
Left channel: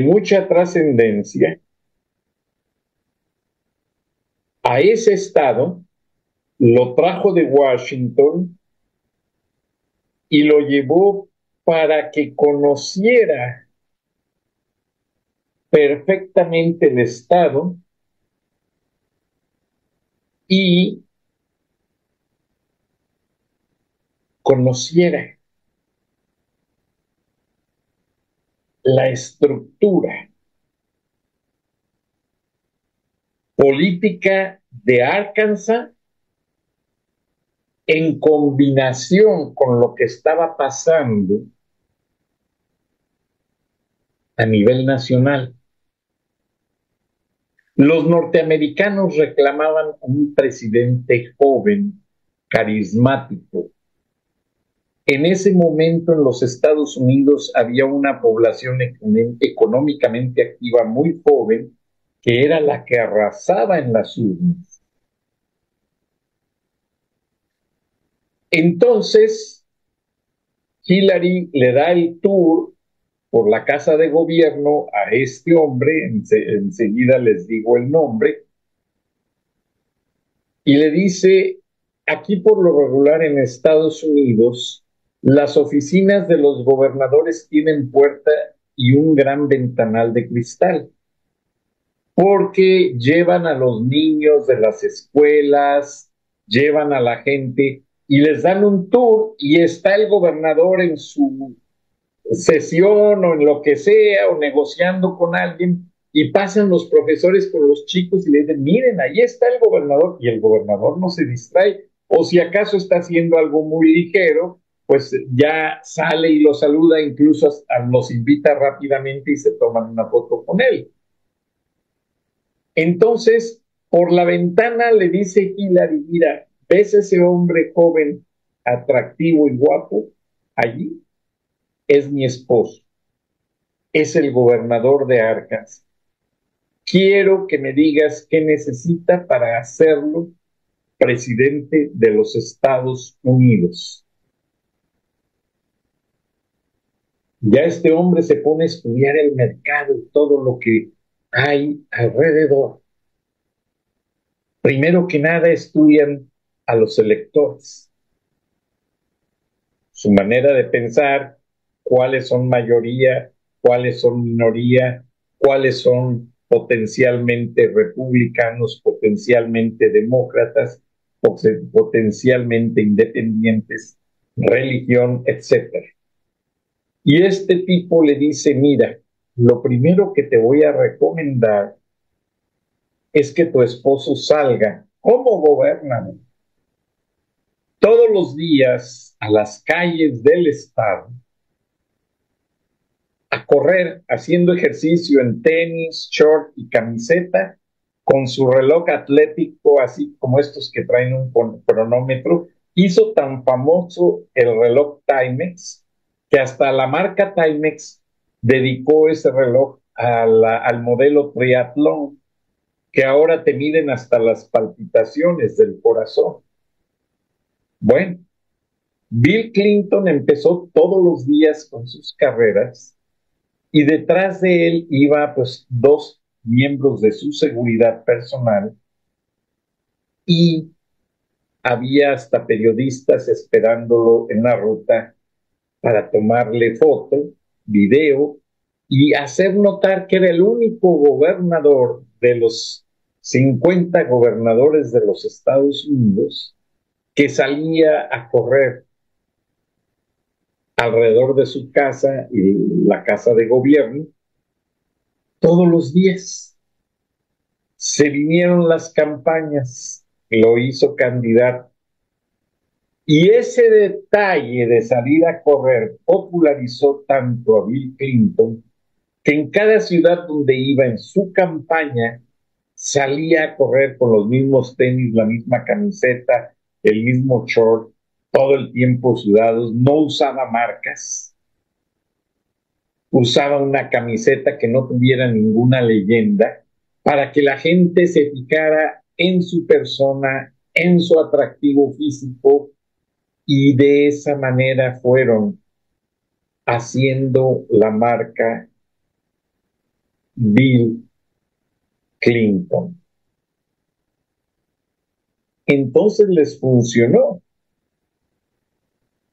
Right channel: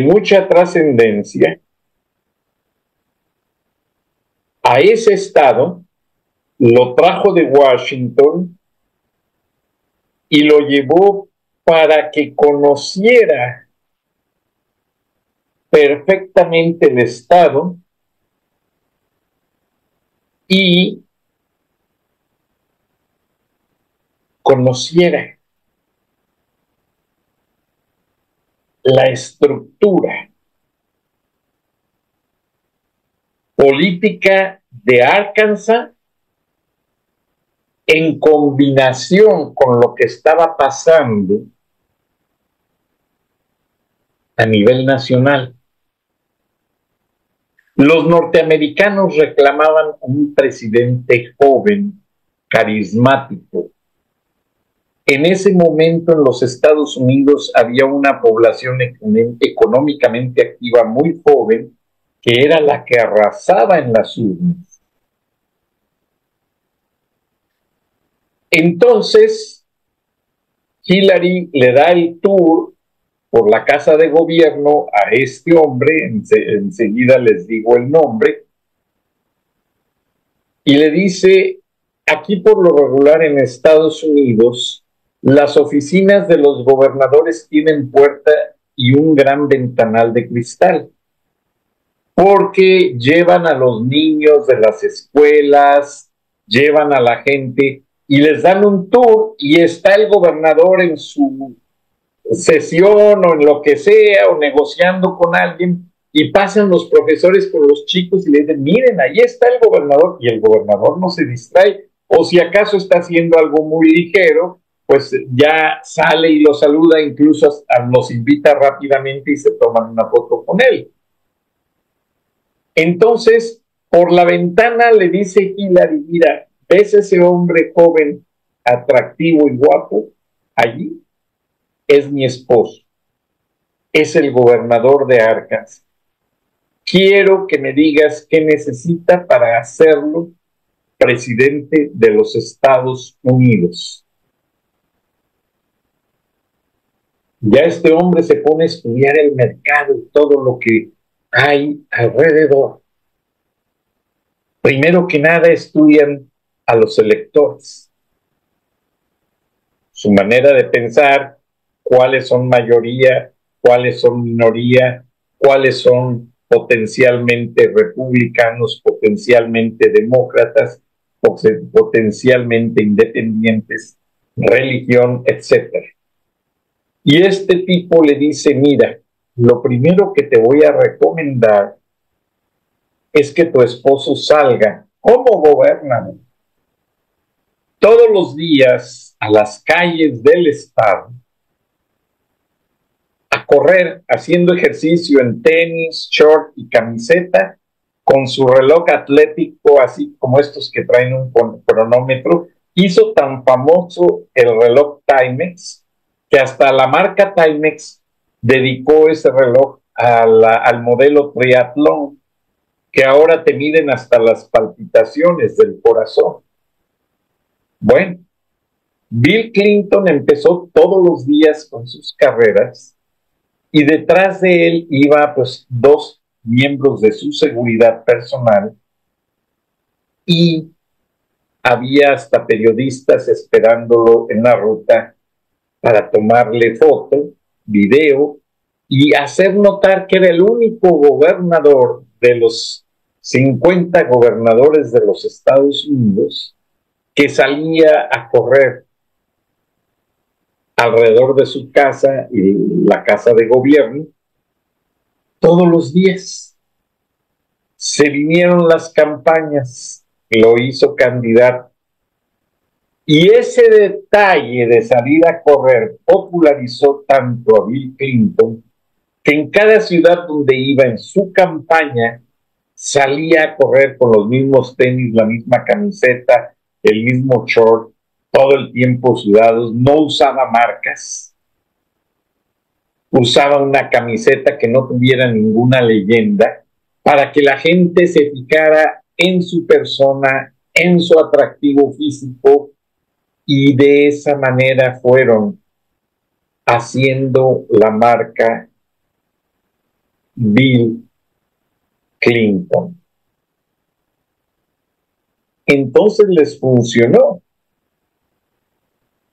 mucha trascendencia, a ese estado, lo trajo de Washington y lo llevó para que conociera perfectamente el estado y conociera la estructura política de Arkansas en combinación con lo que estaba pasando a nivel nacional. Los norteamericanos reclamaban un presidente joven, carismático. En ese momento en los Estados Unidos había una población económicamente activa muy joven, que era la que arrasaba en las urnas. Entonces, Hillary le da el tour por la casa de gobierno a este hombre, enseguida les digo el nombre, y le dice: aquí por lo regular en Estados Unidos, las oficinas de los gobernadores tienen puerta y un gran ventanal de cristal, porque llevan a los niños de las escuelas, llevan a la gente y les dan un tour, y está el gobernador en su sesión o en lo que sea, o negociando con alguien, y pasan los profesores por los chicos y le dicen: miren, ahí está el gobernador, y el gobernador no se distrae, o si acaso está haciendo algo muy ligero, pues ya sale y lo saluda, incluso los invita rápidamente y se toman una foto con él. Entonces, por la ventana le dice Hillary, mira, ¿ves ese hombre joven, atractivo y guapo? Allí es mi esposo, es el gobernador de Arkansas. Quiero que me digas qué necesita para hacerlo presidente de los Estados Unidos. Ya este hombre se pone a estudiar el mercado y todo lo que hay alrededor. Primero que nada estudian a los electores, su manera de pensar, cuáles son mayoría, cuáles son minoría, cuáles son potencialmente republicanos, potencialmente demócratas, potencialmente independientes, religión, etcétera. Y este tipo le dice, mira, lo primero que te voy a recomendar es que tu esposo salga como gobernador todos los días a las calles del estado a correr haciendo ejercicio en tenis, short y camiseta con su reloj atlético, así como estos que traen un cronómetro. Hizo tan famoso el reloj Timex que hasta la marca Timex dedicó ese reloj al modelo triatlón, que ahora te miden hasta las palpitaciones del corazón. Bueno, Bill Clinton empezó todos los días con sus carreras y detrás de él iba pues 2 miembros de su seguridad personal y había hasta periodistas esperándolo en la ruta para tomarle foto, video y hacer notar que era el único gobernador de los 50 gobernadores de los Estados Unidos que salía a correr alrededor de su casa y la casa de gobierno todos los días. Se vinieron las campañas, lo hizo candidato. Y ese detalle de salir a correr popularizó tanto a Bill Clinton que en cada ciudad donde iba en su campaña salía a correr con los mismos tenis, la misma camiseta, el mismo short, todo el tiempo sudados, no usaba marcas, usaba una camiseta que no tuviera ninguna leyenda para que la gente se fijara en su persona, en su atractivo físico, y de esa manera fueron haciendo la marca Bill Clinton. Entonces les funcionó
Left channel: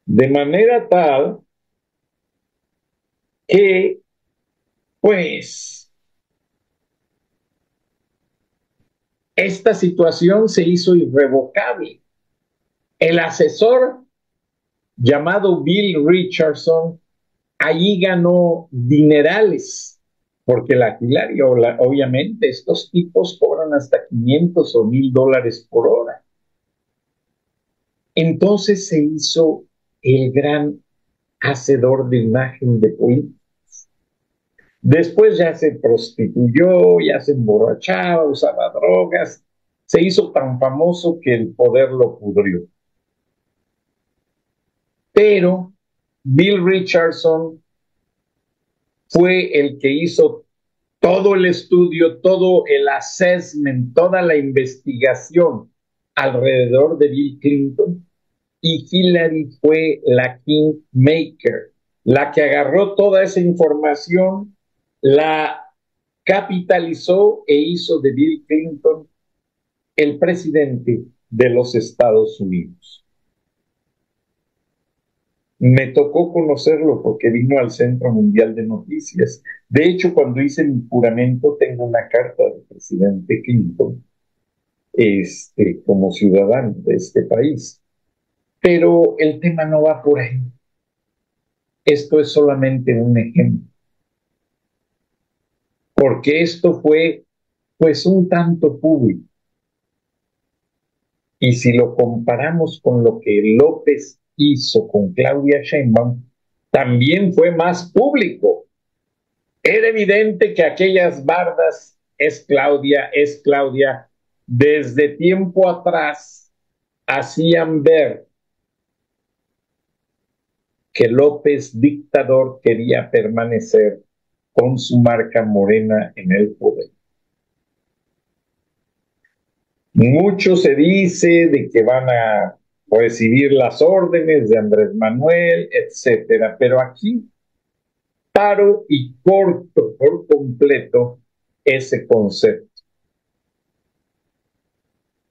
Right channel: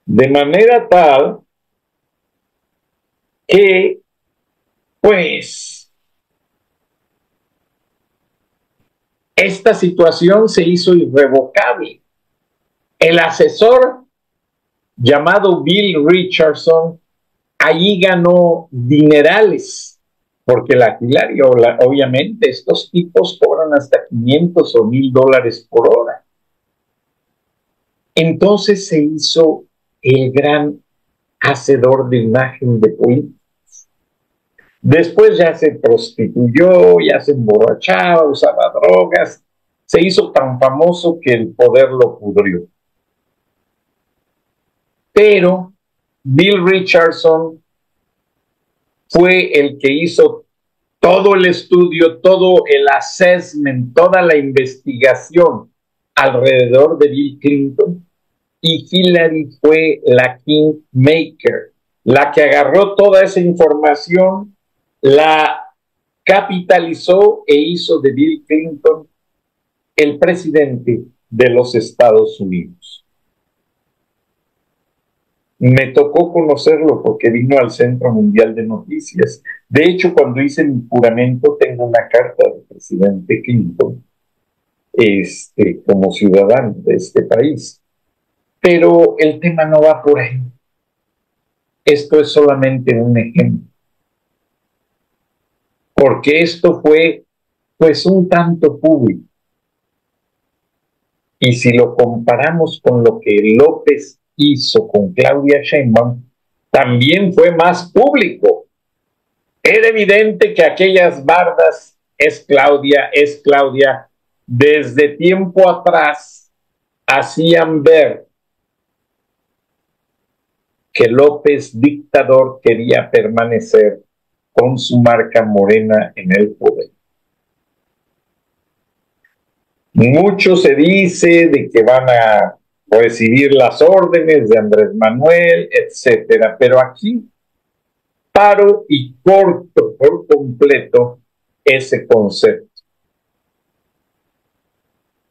de manera tal que, pues, esta situación se hizo irrevocable. El asesor llamado Bill Richardson allí ganó dinerales, porque la Hillary, obviamente, estos tipos cobran hasta 500 o 1000 dólares por hora. Entonces se hizo el gran hacedor de imagen de políticos. Después ya se prostituyó, ya se emborrachaba, usaba drogas, se hizo tan famoso que el poder lo pudrió. Pero Bill Richardson fue el que hizo todo el estudio, todo el assessment, toda la investigación alrededor de Bill Clinton, y Hillary fue la kingmaker, la que agarró toda esa información, la capitalizó e hizo de Bill Clinton el presidente de los Estados Unidos. Me tocó conocerlo porque vino al Centro Mundial de Noticias. De hecho, cuando hice mi juramento, tengo una carta del presidente Clinton como ciudadano de este país. Pero el tema no va por ahí. Esto es solamente un ejemplo. Porque esto fue, pues, un tanto público. Y si lo comparamos con lo que López hizo con Claudia Sheinbaum, también fue más público. Era evidente que aquellas bardas es Claudia, desde tiempo atrás hacían ver que López, dictador, quería permanecer con su marca morena en el poder. Mucho se dice de que van a recibir las órdenes de Andrés Manuel, etcétera, pero aquí paro y corto por completo ese concepto.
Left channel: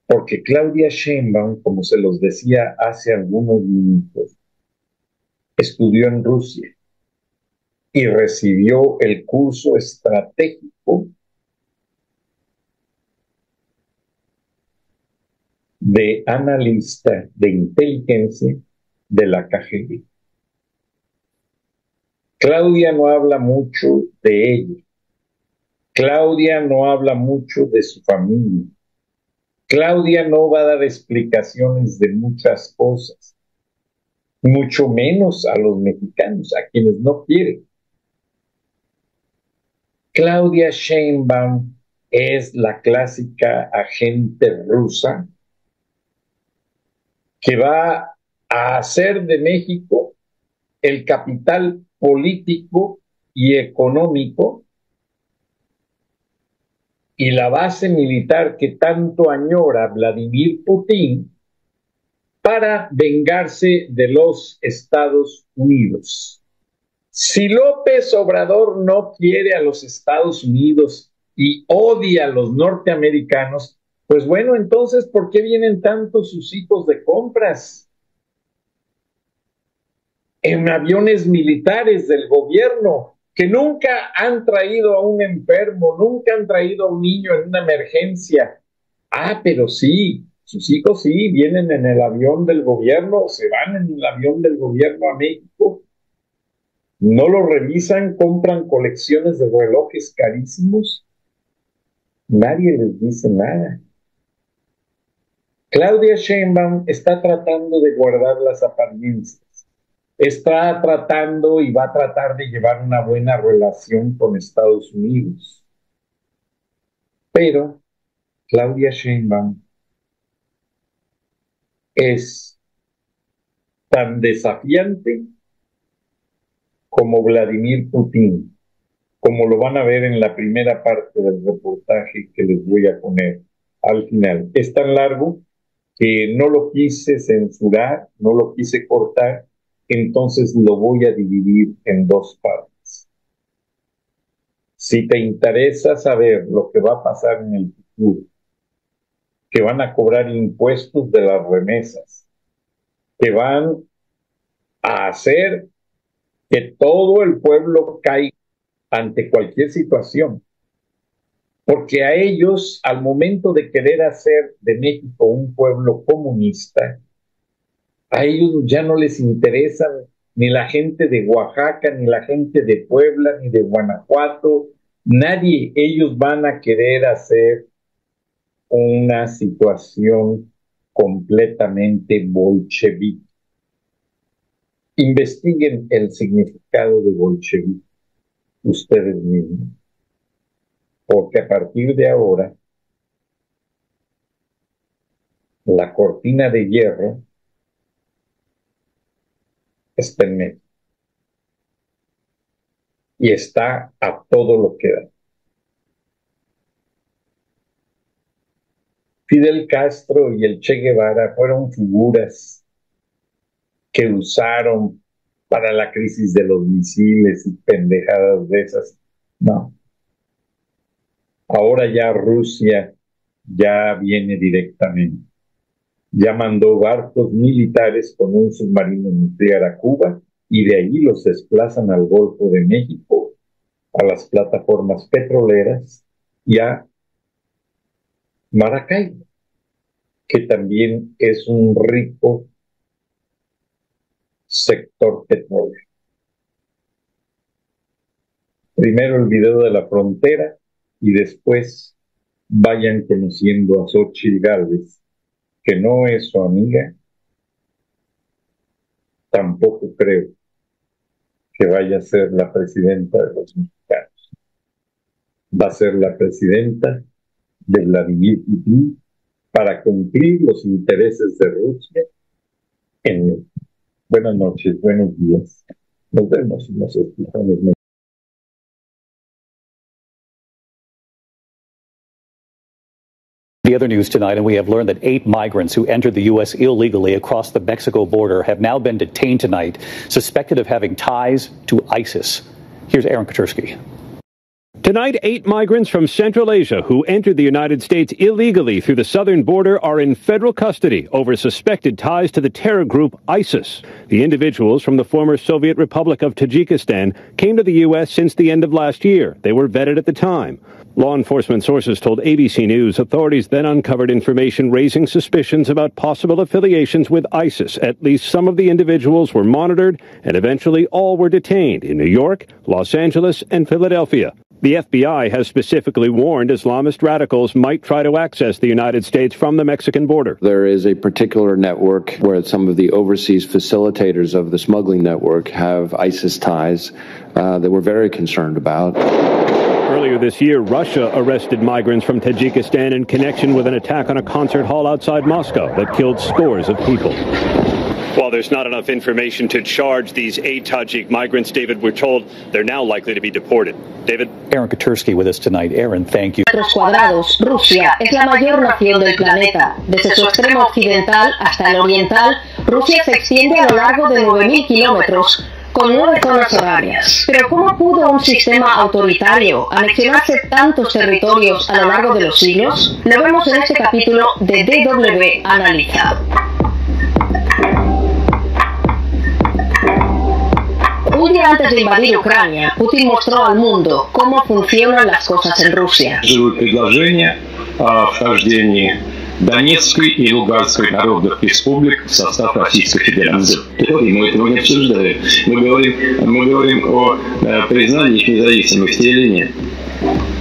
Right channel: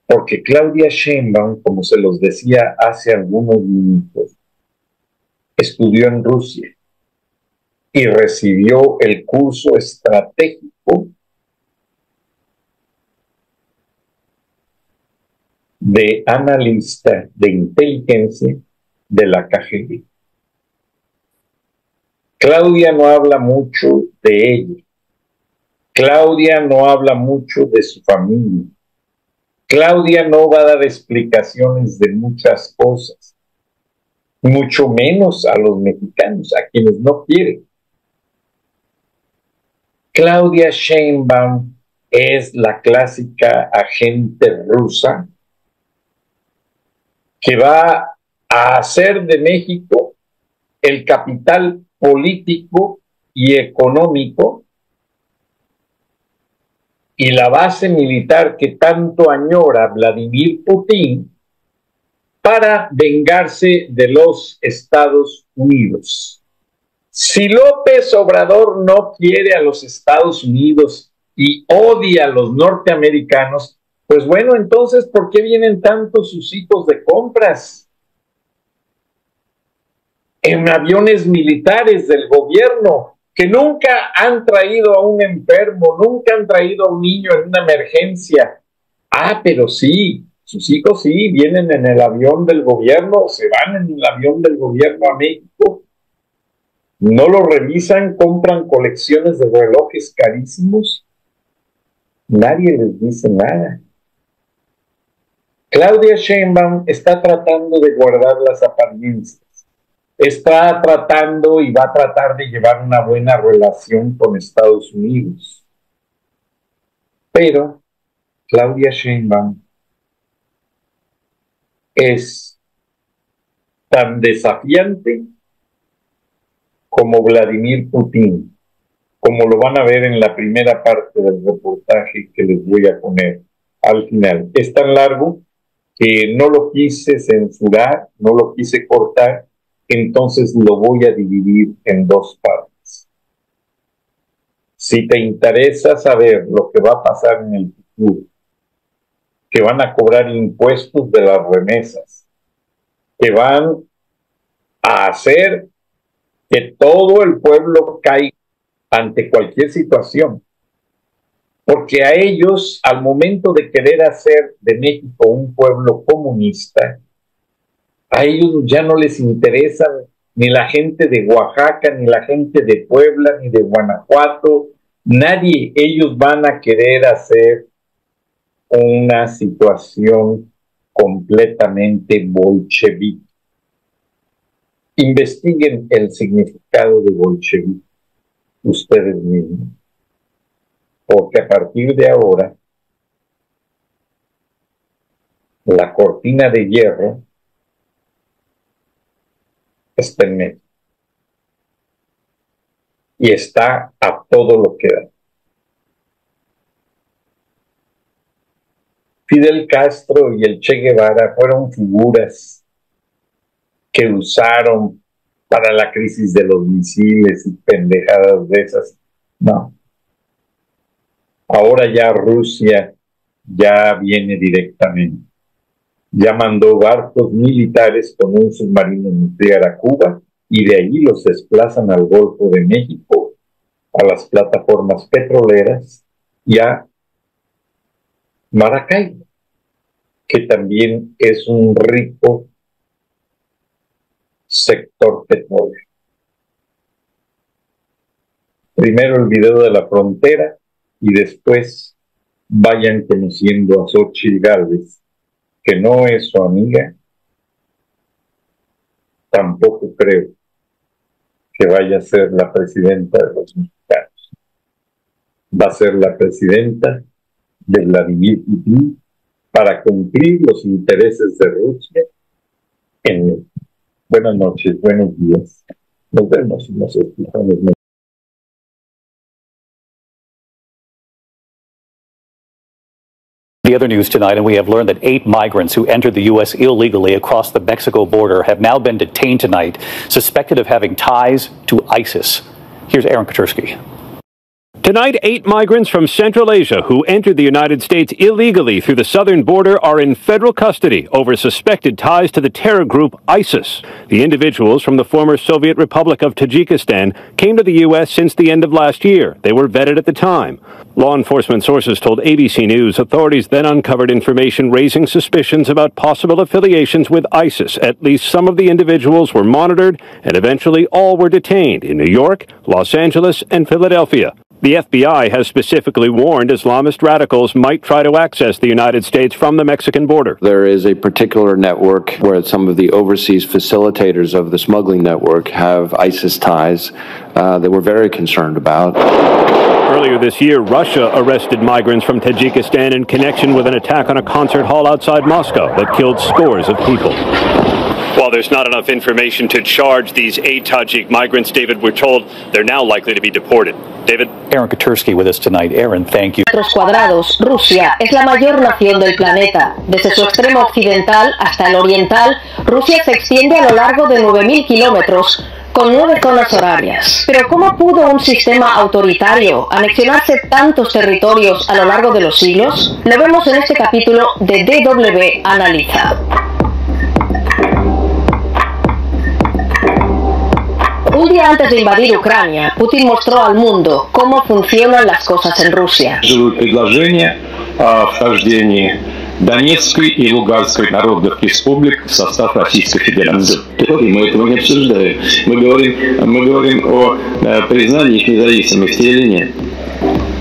Porque Claudia Sheinbaum, como se los decía hace algunos minutos, estudió en Rusia y recibió el curso estratégico de analista de inteligencia de la KGB. Claudia no habla mucho de ella. Claudia no habla mucho de su familia. Claudia no va a dar explicaciones de muchas cosas, mucho menos a los mexicanos, a quienes no quieren. Claudia Sheinbaum es la clásica agente rusa que va a hacer de México el capital político y económico y la base militar que tanto añora Vladimir Putin para vengarse de los Estados Unidos. Si López Obrador no quiere a los Estados Unidos y odia a los norteamericanos, pues bueno, entonces, ¿por qué vienen tantos sus hijos de compras? En aviones militares del gobierno, que nunca han traído a un enfermo, nunca han traído a un niño en una emergencia. Ah, pero sí, sus hijos sí, vienen en el avión del gobierno, se van en el avión del gobierno a México. No lo revisan, compran colecciones de relojes carísimos. Nadie les dice nada. Claudia Sheinbaum está tratando de guardar las apariencias. Está tratando y va a tratar de llevar una buena relación con Estados Unidos. Pero Claudia Sheinbaum es tan desafiante como Vladimir Putin, como lo van a ver en la primera parte del reportaje que les voy a poner al final. Es tan largo que no lo quise censurar, no lo quise cortar, entonces lo voy a dividir en dos partes. Si te interesa saber lo que va a pasar en el futuro, que van a cobrar impuestos de las remesas, que van a hacer que todo el pueblo caiga ante cualquier situación, porque a ellos, al momento de querer hacer de México un pueblo comunista, a ellos ya no les interesa ni la gente de Oaxaca, ni la gente de Puebla, ni de Guanajuato, nadie. Ellos van a querer hacer una situación completamente bolchevique. Investiguen el significado de bolchevique ustedes mismos, porque a partir de ahora la cortina de hierro está en medio y está a todo lo que da. Fidel Castro y el Che Guevara fueron figuras que usaron para la crisis de los misiles y pendejadas de esas. No. Ahora ya Rusia ya viene directamente. Ya mandó barcos militares con un submarino nuclear a Cuba y de allí los desplazan al Golfo de México, a las plataformas petroleras y a Maracaibo, que también es un rico sector petrolero. Primero el video de la frontera y después vayan conociendo a Xóchitl Gálvez que no es su amiga, tampoco creo que vaya a ser la presidenta de los mexicanos. Va a ser la presidenta de Vladimir Putin para cumplir los intereses de Rusia en México. Buenas noches, buenos días. Nos vemos y nos escuchamos. The other news tonight, and we have learned that 8 migrants who entered the U.S. illegally across the Mexico border have now been detained tonight, suspected of having ties to ISIS. Here's Aaron Katursky. Tonight, 8 migrants from Central Asia who entered the United States illegally through the southern border are in federal custody over suspected ties to the terror group ISIS. The individuals from the former Soviet Republic of Tajikistan came to the U.S. since the end of last year. They were vetted at the time. Law enforcement sources told ABC News authorities then uncovered information raising suspicions about possible affiliations with ISIS. At least some of the individuals were monitored, and eventually all were detained in New York, Los Angeles, and Philadelphia. The FBI has specifically warned Islamist radicals might try to access the United States from the Mexican border. There is a particular network where some of the overseas facilitators of the smuggling network have ISIS ties that we're very concerned about. Earlier this year, Russia arrested migrants from Tajikistan in connection with an attack on a concert hall outside Moscow that killed scores of people. While there's not enough information to charge these 8 Tajik migrants, David, we're told they're now likely to be deported. David? Aaron Katursky with us tonight. Aaron, thank you. Metros cuadrados, Rusia es la mayor nación del planeta. Desde su extremo occidental hasta el oriental, Rusia se extiende a lo largo de 9.000 kilómetros, con 9 zonas horarias. Pero ¿cómo pudo un sistema autoritario anexionarse tantos territorios a lo largo de los siglos? Lo vemos en este capítulo de DW Analiza. Un día antes de invadir Ucrania, Putin mostró al mundo cómo funcionan las cosas en Rusia. Донецкой и Луганской народных республик в состав Российской Федерации. Мы этого не обсуждаем. Мы говорим о признании их независимости или нет.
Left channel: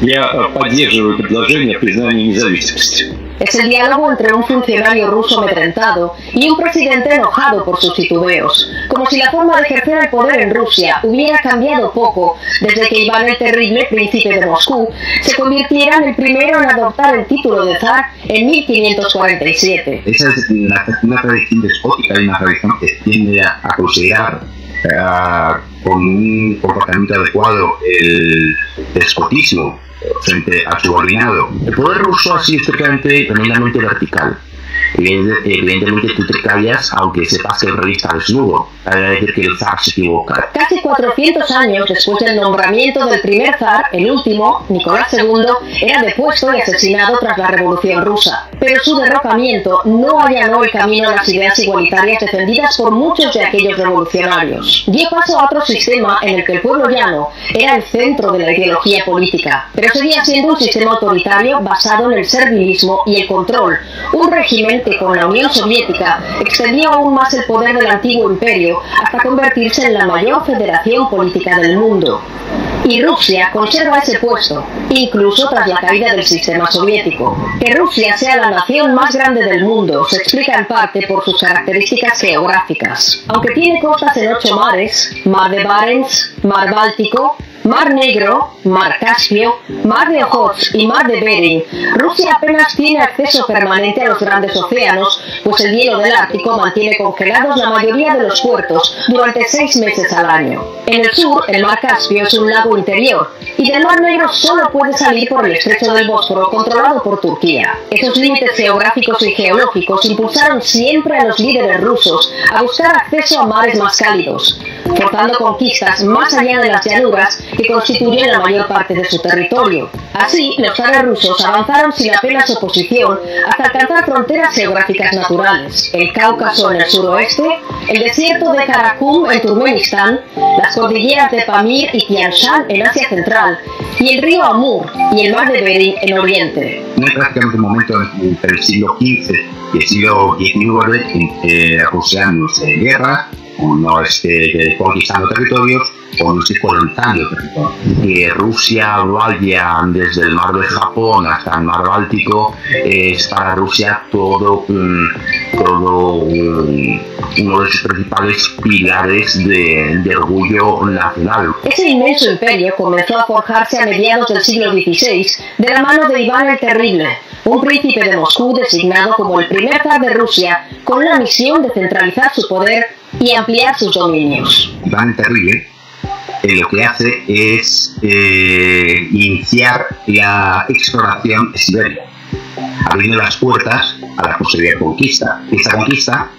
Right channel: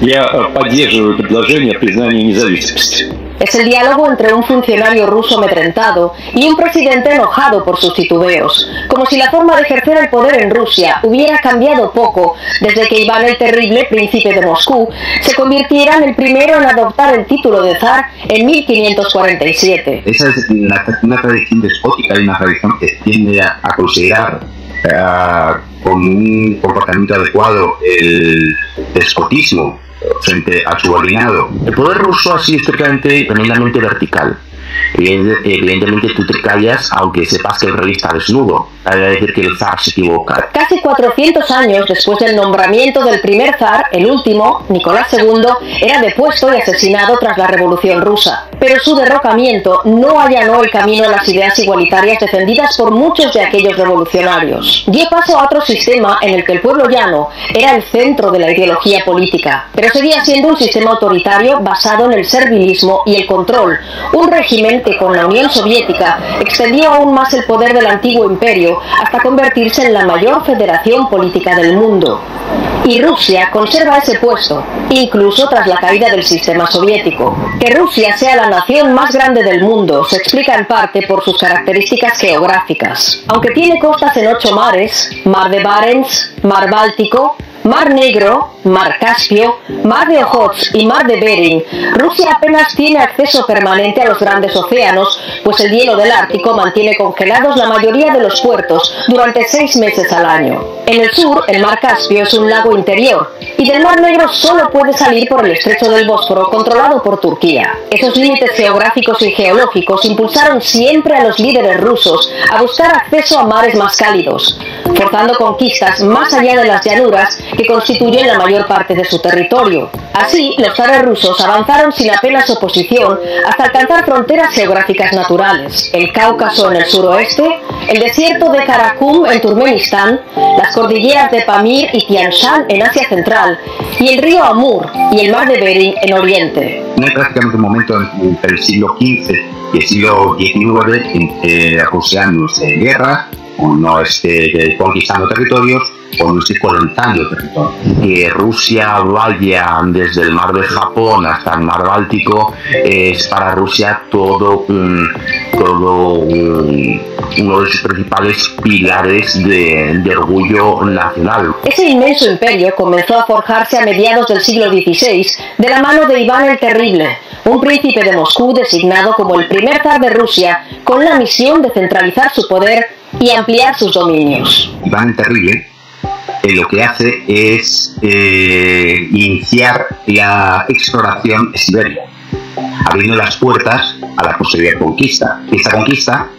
Я поддерживаю предложение о признании независимости. Es el diálogo entre un funcionario ruso amedrentado y un presidente enojado por sus titubeos, como si la forma de ejercer el poder en Rusia hubiera cambiado poco desde que Iván el Terrible, príncipe de Moscú, se convirtiera en el primero en adoptar el título de zar en 1547. Esa es una tradición despótica y una tradición que tiende a considerar con un comportamiento adecuado el despotismo frente al subordinado. El poder ruso ha sido históricamente tremendamente vertical. Evidentemente tú te callas aunque sepas que el rey está desnudo. Es decir, que el zar se equivoca. Casi 400 años después del nombramiento del primer zar, el último, Nicolás II, era depuesto y asesinado tras la Revolución Rusa. Pero su derrocamiento no allanó el camino a las ideas igualitarias defendidas por muchos de aquellos revolucionarios. Dio paso a otro sistema en el que el pueblo llano era el centro de la ideología política, pero seguía siendo un sistema autoritario basado en el servilismo y el control, un régimen que con la Unión Soviética extendía aún más el poder del antiguo imperio hasta convertirse en la mayor federación política del mundo. Y Rusia conserva ese puesto, incluso tras la caída del sistema soviético. Que Rusia sea la nación más grande del mundo se explica en parte por sus características geográficas. Aunque tiene costas en 8 mares, Mar de Barents, Mar Báltico, Mar Negro, Mar Caspio, Mar de Ojotsk y Mar de Bering, Rusia apenas tiene acceso permanente a los grandes océanos, pues el hielo del Ártico mantiene congelados la mayoría de los puertos durante 6 meses al año. En el sur, el Mar Caspio es un lago interior, y del Mar Negro solo puede salir por el estrecho del Bósforo, controlado por Turquía. Esos límites geográficos y geológicos impulsaron siempre a los líderes rusos a buscar acceso a mares más cálidos, forzando conquistas más allá de las llanuras que constituyen la mayor parte de su territorio. Así, los zares rusos avanzaron sin apenas oposición hasta alcanzar fronteras geográficas naturales: el Cáucaso en el suroeste, el desierto de Karakum en Turkmenistán, las cordilleras de Pamir y Tian Shan en Asia Central, y el río Amur y el mar de Bering en Oriente. No hay prácticamente un momento entre el siglo XV y el siglo XIX en que Rusia no esté en guerra, o no esté conquistando territorios, cuando esté colonizando el territorio. Que Rusia vaya desde el mar de Japón hasta el mar Báltico es para Rusia todo uno de sus principales pilares de orgullo nacional. Ese inmenso imperio comenzó a forjarse a mediados del siglo XVI de la mano de Iván el Terrible, un príncipe de Moscú designado como el primer zar de Rusia con la misión de centralizar su poder y ampliar sus dominios. Iván el Terrible lo que hace es iniciar la exploración de Siberia, abriendo las puertas a la posterior conquista. Esta conquista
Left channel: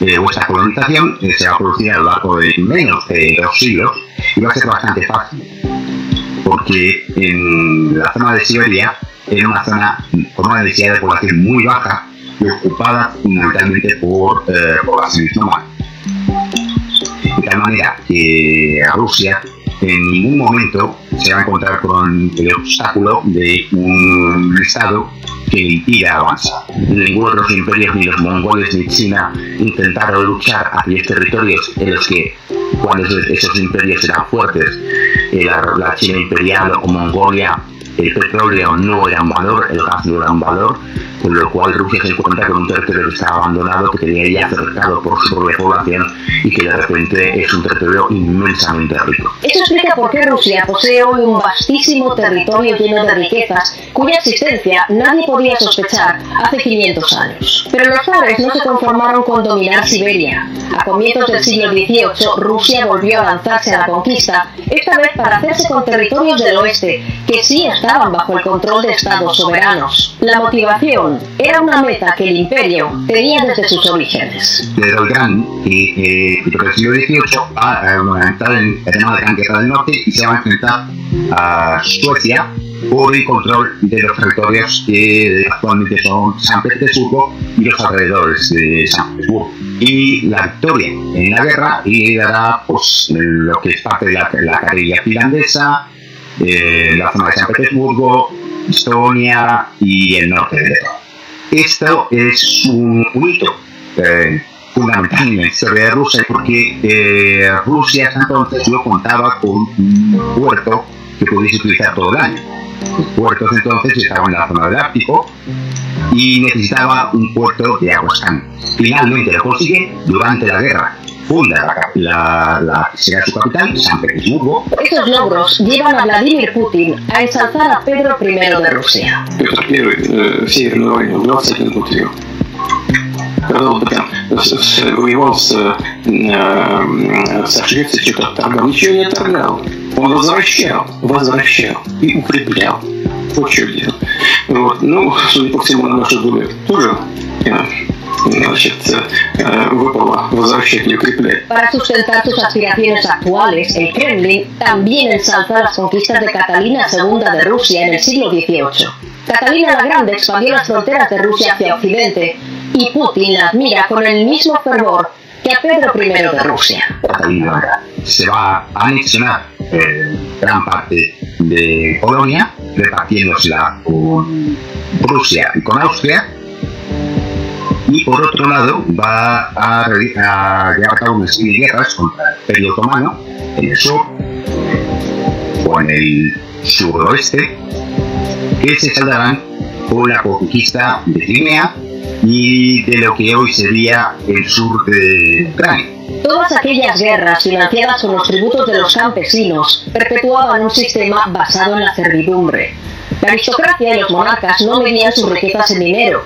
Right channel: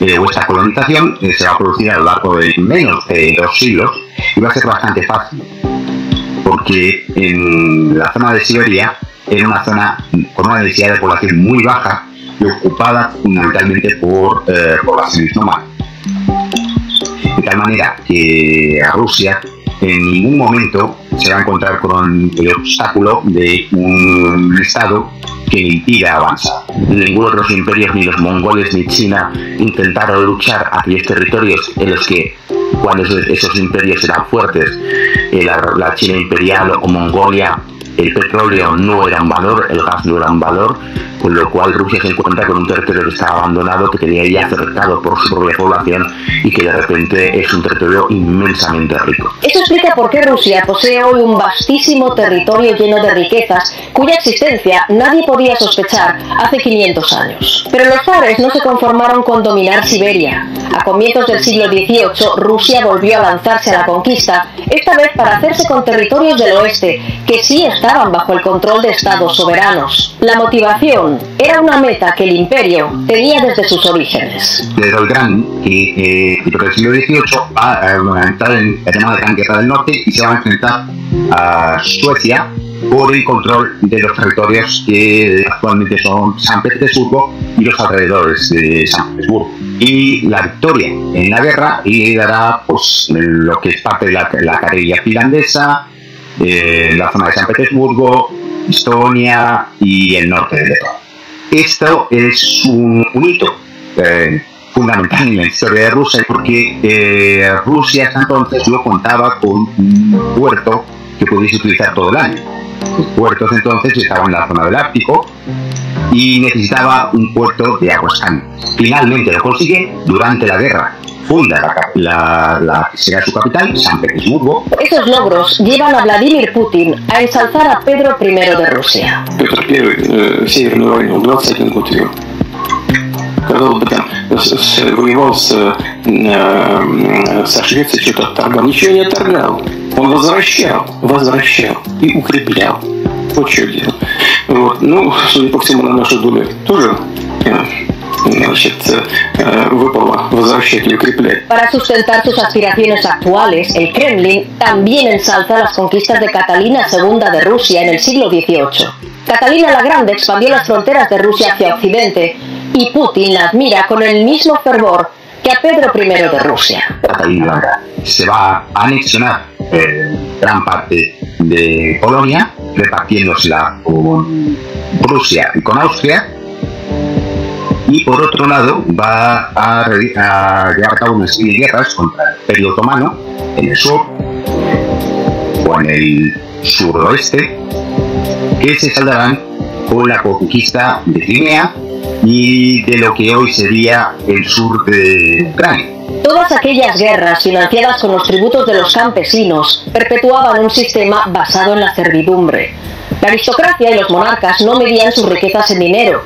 o esta colonización se va a producir a lo largo de menos de 2 siglos y va a ser bastante fácil, porque en la zona de Siberia era una zona con una densidad de población muy baja y ocupada fundamentalmente por poblaciones nómadas. De tal manera que a Rusia en ningún momento se va a encontrar con el obstáculo de un estado que le impida avanzar. Ninguno de los imperios, ni los mongoles ni China, intentaron luchar hacia estos territorios en los que, cuando esos imperios eran fuertes, la China imperial o Mongolia, el petróleo no era un valor, el gas no era un valor, con lo cual Rusia se encuentra con un territorio que estaba abandonado, que tenía ya cercado por su propia población y que de repente es un territorio inmensamente rico. Eso explica por qué Rusia posee hoy un vastísimo territorio lleno de riquezas cuya existencia nadie podía sospechar hace 500 años. Pero los zares no se conformaron con dominar Siberia. A comienzos del siglo XVIII, Rusia volvió a lanzarse a la conquista, esta vez para hacerse con territorios del oeste, que sí estaban bajo el control de estados soberanos. La motivación era una meta que el imperio tenía desde sus orígenes. Pedro el Grande, que durante el siglo XVIII va a entrar en el tema de la Guerra del Norte y se va a enfrentar a Suecia por el control de los territorios que actualmente son San Petersburgo y los alrededores de San Petersburgo. Y la victoria en la guerra y dará pues, lo que es parte de la carrilla finlandesa, la zona de San Petersburgo, Estonia y el norte de Letonia. Esto es un hito fundamental en la historia de Rusia porque Rusia hasta entonces no contaba con un puerto que pudiese utilizar todo el año. Los puertos entonces estaban en la zona del Ártico y necesitaba un puerto de aguas calientes. Finalmente lo consigue durante la guerra. Funda será su capital, San Petersburgo. Estos logros llevan a Vladimir Putin a ensalzar a Pedro I de Rusia. Петр I Северную войну 21 год вел. Воевал с Швецией, что-то торгал. Ничего не торгал. Он возвращал и укреплял. Вот что делал. Вот. Ну, судя по всему, на нашу долю тоже выпало возвращать и укреплять. Para sustentar sus aspiraciones actuales, el Kremlin también ensalza las conquistas de Catalina II de Rusia en el siglo XVIII. Catalina la Grande expandió las fronteras de Rusia hacia Occidente y Putin la admira con el mismo fervor que a Pedro I de Rusia. Catalina se va a anexionar gran parte de Polonia, repartiéndosela con Rusia y con Austria. Y por otro lado va a llevar a cabo unas guerras contra el Imperio Otomano en el sur o en el suroeste, que se saldarán con la conquista de Crimea y de lo que hoy sería el sur de Ucrania. Todas aquellas guerras financiadas con los tributos de los campesinos perpetuaban un sistema basado en la servidumbre. La aristocracia y los monarcas no medían sus riquezas en dinero,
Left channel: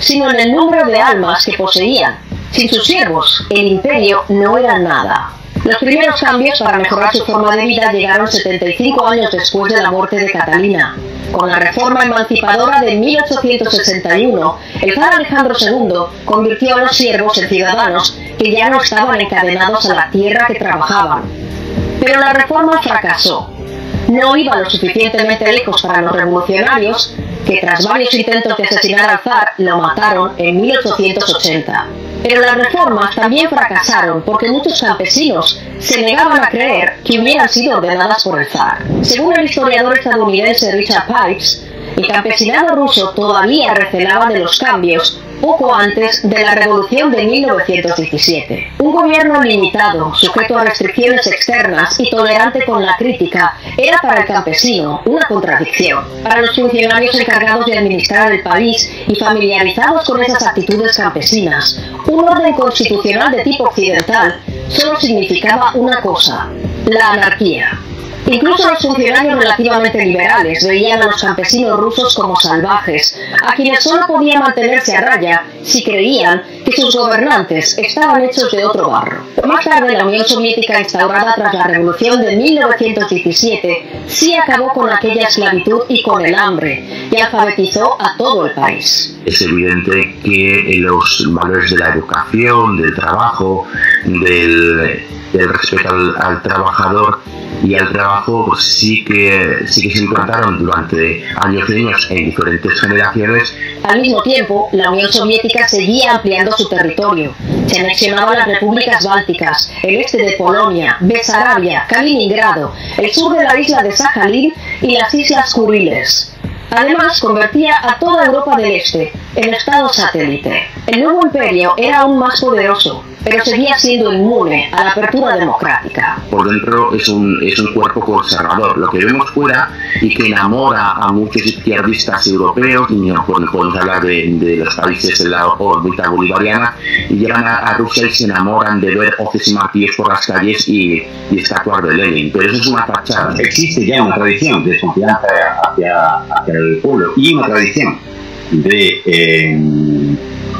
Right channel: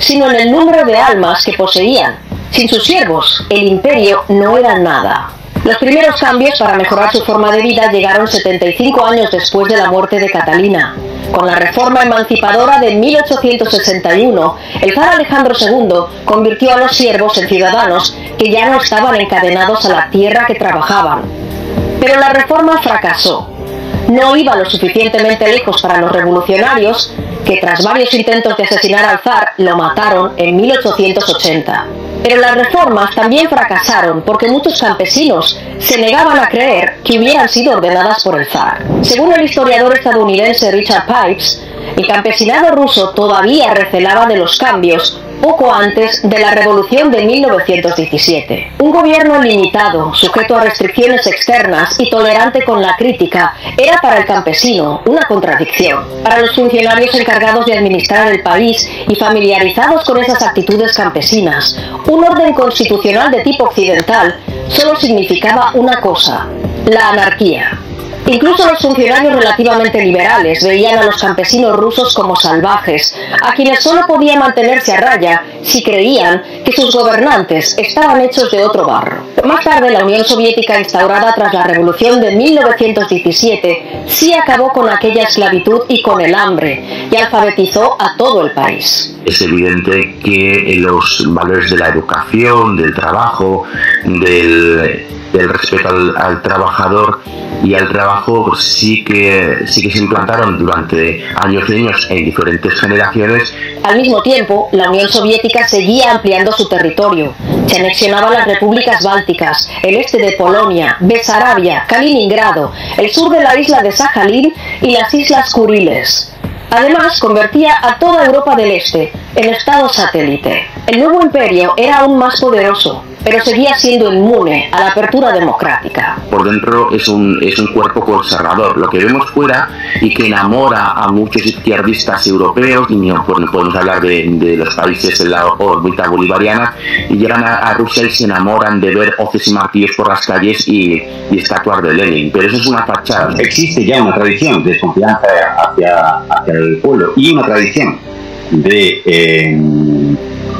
sino en el número de almas que poseían. Sin sus siervos, el imperio no era nada. Los primeros cambios para mejorar su forma de vida llegaron 75 años después de la muerte de Catalina. Con la reforma emancipadora de 1861, el zar Alejandro II convirtió a los siervos en ciudadanos que ya no estaban encadenados a la tierra que trabajaban. Pero la reforma fracasó. No iba lo suficientemente lejos para los revolucionarios, que tras varios intentos de asesinar al zar, lo mataron en 1880. Pero las reformas también fracasaron porque muchos campesinos se negaban a creer que hubieran sido ordenadas por el zar. Según el historiador estadounidense Richard Pipes, El campesinado ruso todavía recelaba de los cambios poco antes de la revolución de 1917. Un gobierno limitado, sujeto a restricciones externas y tolerante con la crítica, era para el campesino una contradicción. Para los funcionarios encargados de administrar el país y familiarizados con esas actitudes campesinas, un orden constitucional de tipo occidental solo significaba una cosa: la anarquía. Incluso los funcionarios relativamente liberales veían a los campesinos rusos como salvajes, a quienes solo podía mantenerse a raya si creían que sus gobernantes estaban hechos de otro barro. Más tarde, la Unión Soviética, instaurada tras la Revolución de 1917, sí acabó con aquella esclavitud y con el hambre, y alfabetizó a todo el país. Es evidente que los valores de la educación, del trabajo, del respeto al trabajador y al trabajo, pues sí que se implantaron durante años y años en diferentes generaciones. Al mismo tiempo, la Unión Soviética seguía ampliando su territorio. Se anexionaban las repúblicas bálticas, el este de Polonia, Besarabia, Kaliningrado, el sur de la isla de Sajalín y las islas Kuriles. Además, convertía a toda Europa del Este en estado satélite. El nuevo imperio era aún más poderoso, pero seguía siendo inmune a la apertura democrática. Por dentro es un cuerpo conservador. Lo que vemos fuera y que enamora a muchos izquierdistas europeos, y podemos hablar de los países de la órbita bolivariana, y llegan a Rusia y se enamoran de ver hoces y martillos por las calles y estatuas de Lenin. Pero eso es una fachada. Existe ya una tradición de desconfianza hacia el pueblo y una tradición de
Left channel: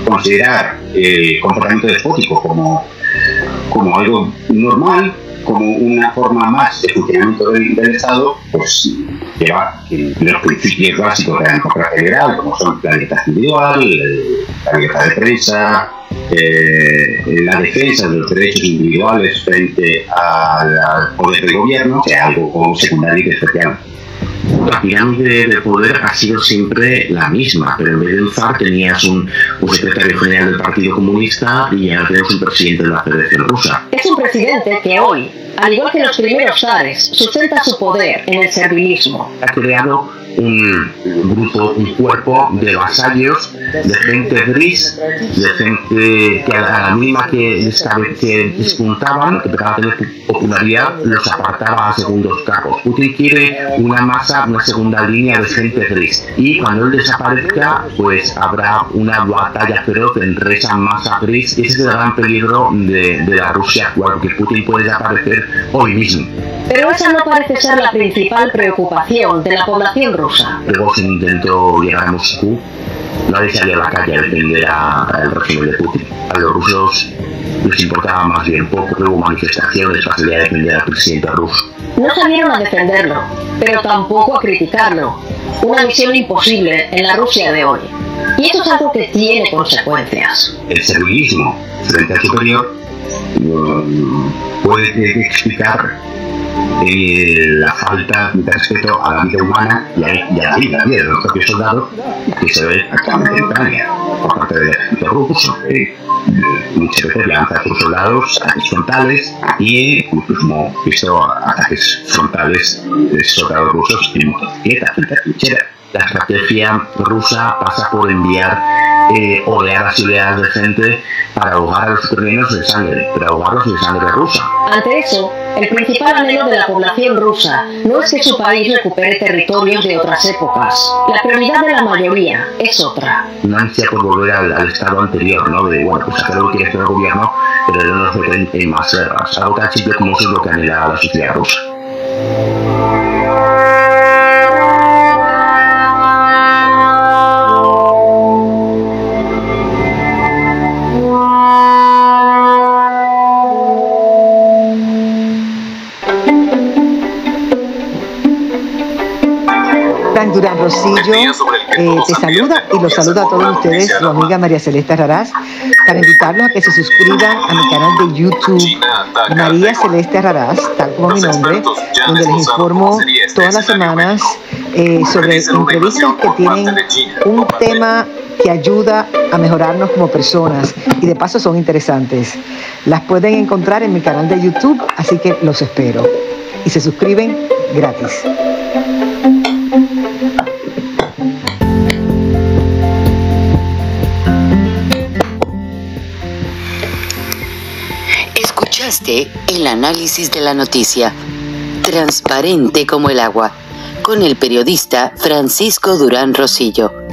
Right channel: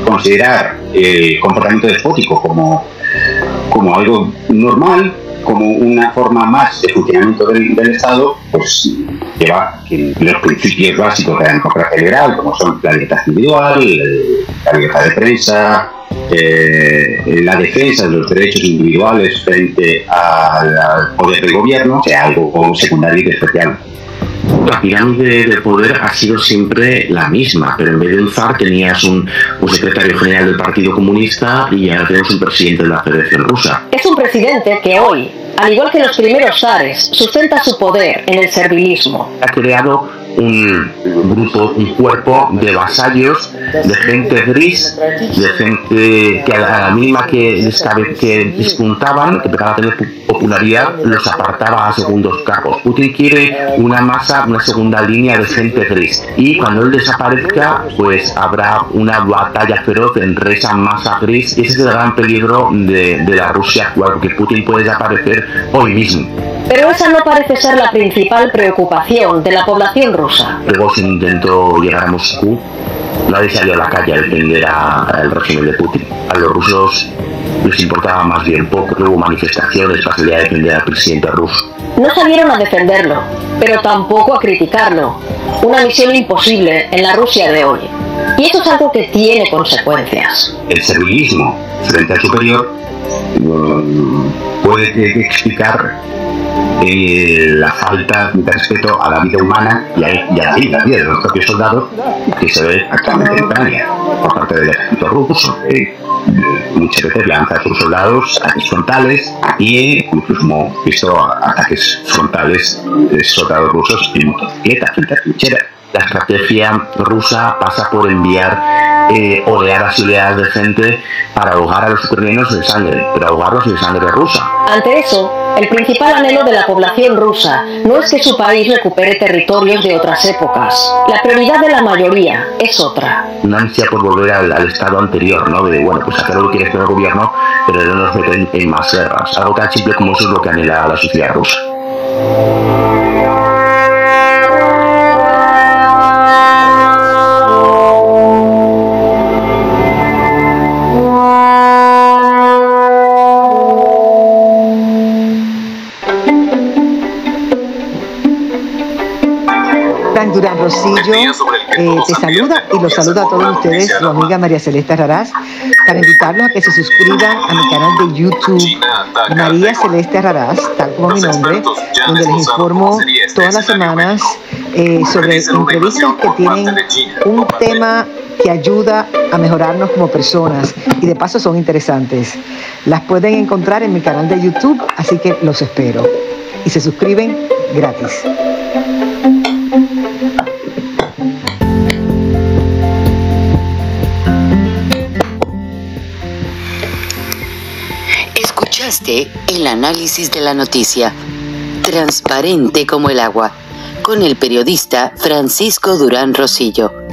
considerar el comportamiento despótico como algo normal, como una forma más de funcionamiento del Estado, pues que los principios básicos de la democracia liberal, como son la libertad individual, la libertad de prensa, la defensa de los derechos individuales frente al poder del gobierno, sea algo como secundario y especial. La pirámide de poder ha sido siempre la misma, pero en vez de un zar tenías un secretario general del Partido Comunista y ahora tenemos un presidente de la Federación Rusa. Es un presidente que hoy, al igual que los primeros zares, sustenta su poder en el servilismo. Ha creado un grupo, un cuerpo de vasallos, de gente gris, de gente que a la misma que despuntaban, que empezaban a tener popularidad, los apartaba a segundos cargos. Putin quiere una segunda línea de gente gris, y cuando él desaparezca, pues habrá una batalla feroz entre esa masa gris, y ese es el gran peligro de la Rusia actual, que Putin puede desaparecer hoy mismo. Pero esa no parece ser la principal preocupación de la población rusa. Luego se intentó llegar a Moscú, nadie salía a la calle a defender al régimen de Putin. A los rusos les importaba más bien poco, hubo manifestaciones para salir a defender al presidente ruso. No salieron a defenderlo, pero tampoco a criticarlo. Una misión imposible en la Rusia de hoy. Y eso es algo que tiene consecuencias. El servilismo frente al superior puede explicar la falta de respeto a la vida humana y a la vida de los propios soldados que se ve actualmente en Ucrania por parte del ejército ruso. Muchas veces lanza a sus soldados ataques frontales y incluso hemos visto ataques frontales de soldados rusos en motocicletas, en trincheras. La estrategia rusa pasa por enviar oleadas y oleadas de gente para ahogar a los ucranianos de sangre, para ahogarlos de sangre rusa. Ante eso, el principal anhelo de la población rusa no es que su país recupere territorios de otras épocas. La prioridad de la mayoría es otra. No ansia por volver al estado anterior, ¿no? De, bueno, pues hacer lo que quiere hacer el gobierno, pero no nos meten en más guerras. Algo tan simple como eso es lo que anhela la sociedad rusa. Durán Rosillo te saluda y los saluda a todos ustedes, su amiga María Celeste Raraz, para invitarlos a que se suscriban a mi canal de YouTube, María Celeste Raraz, tal como mi nombre, donde les informo todas las semanas sobre entrevistas que tienen un tema que ayuda a mejorarnos como personas y de paso son interesantes. Las pueden encontrar en mi canal de YouTube, así que los espero. Y se suscriben gratis. Escuchaste el análisis de la noticia, transparente como el agua, con el periodista Francisco Durán Rosillo.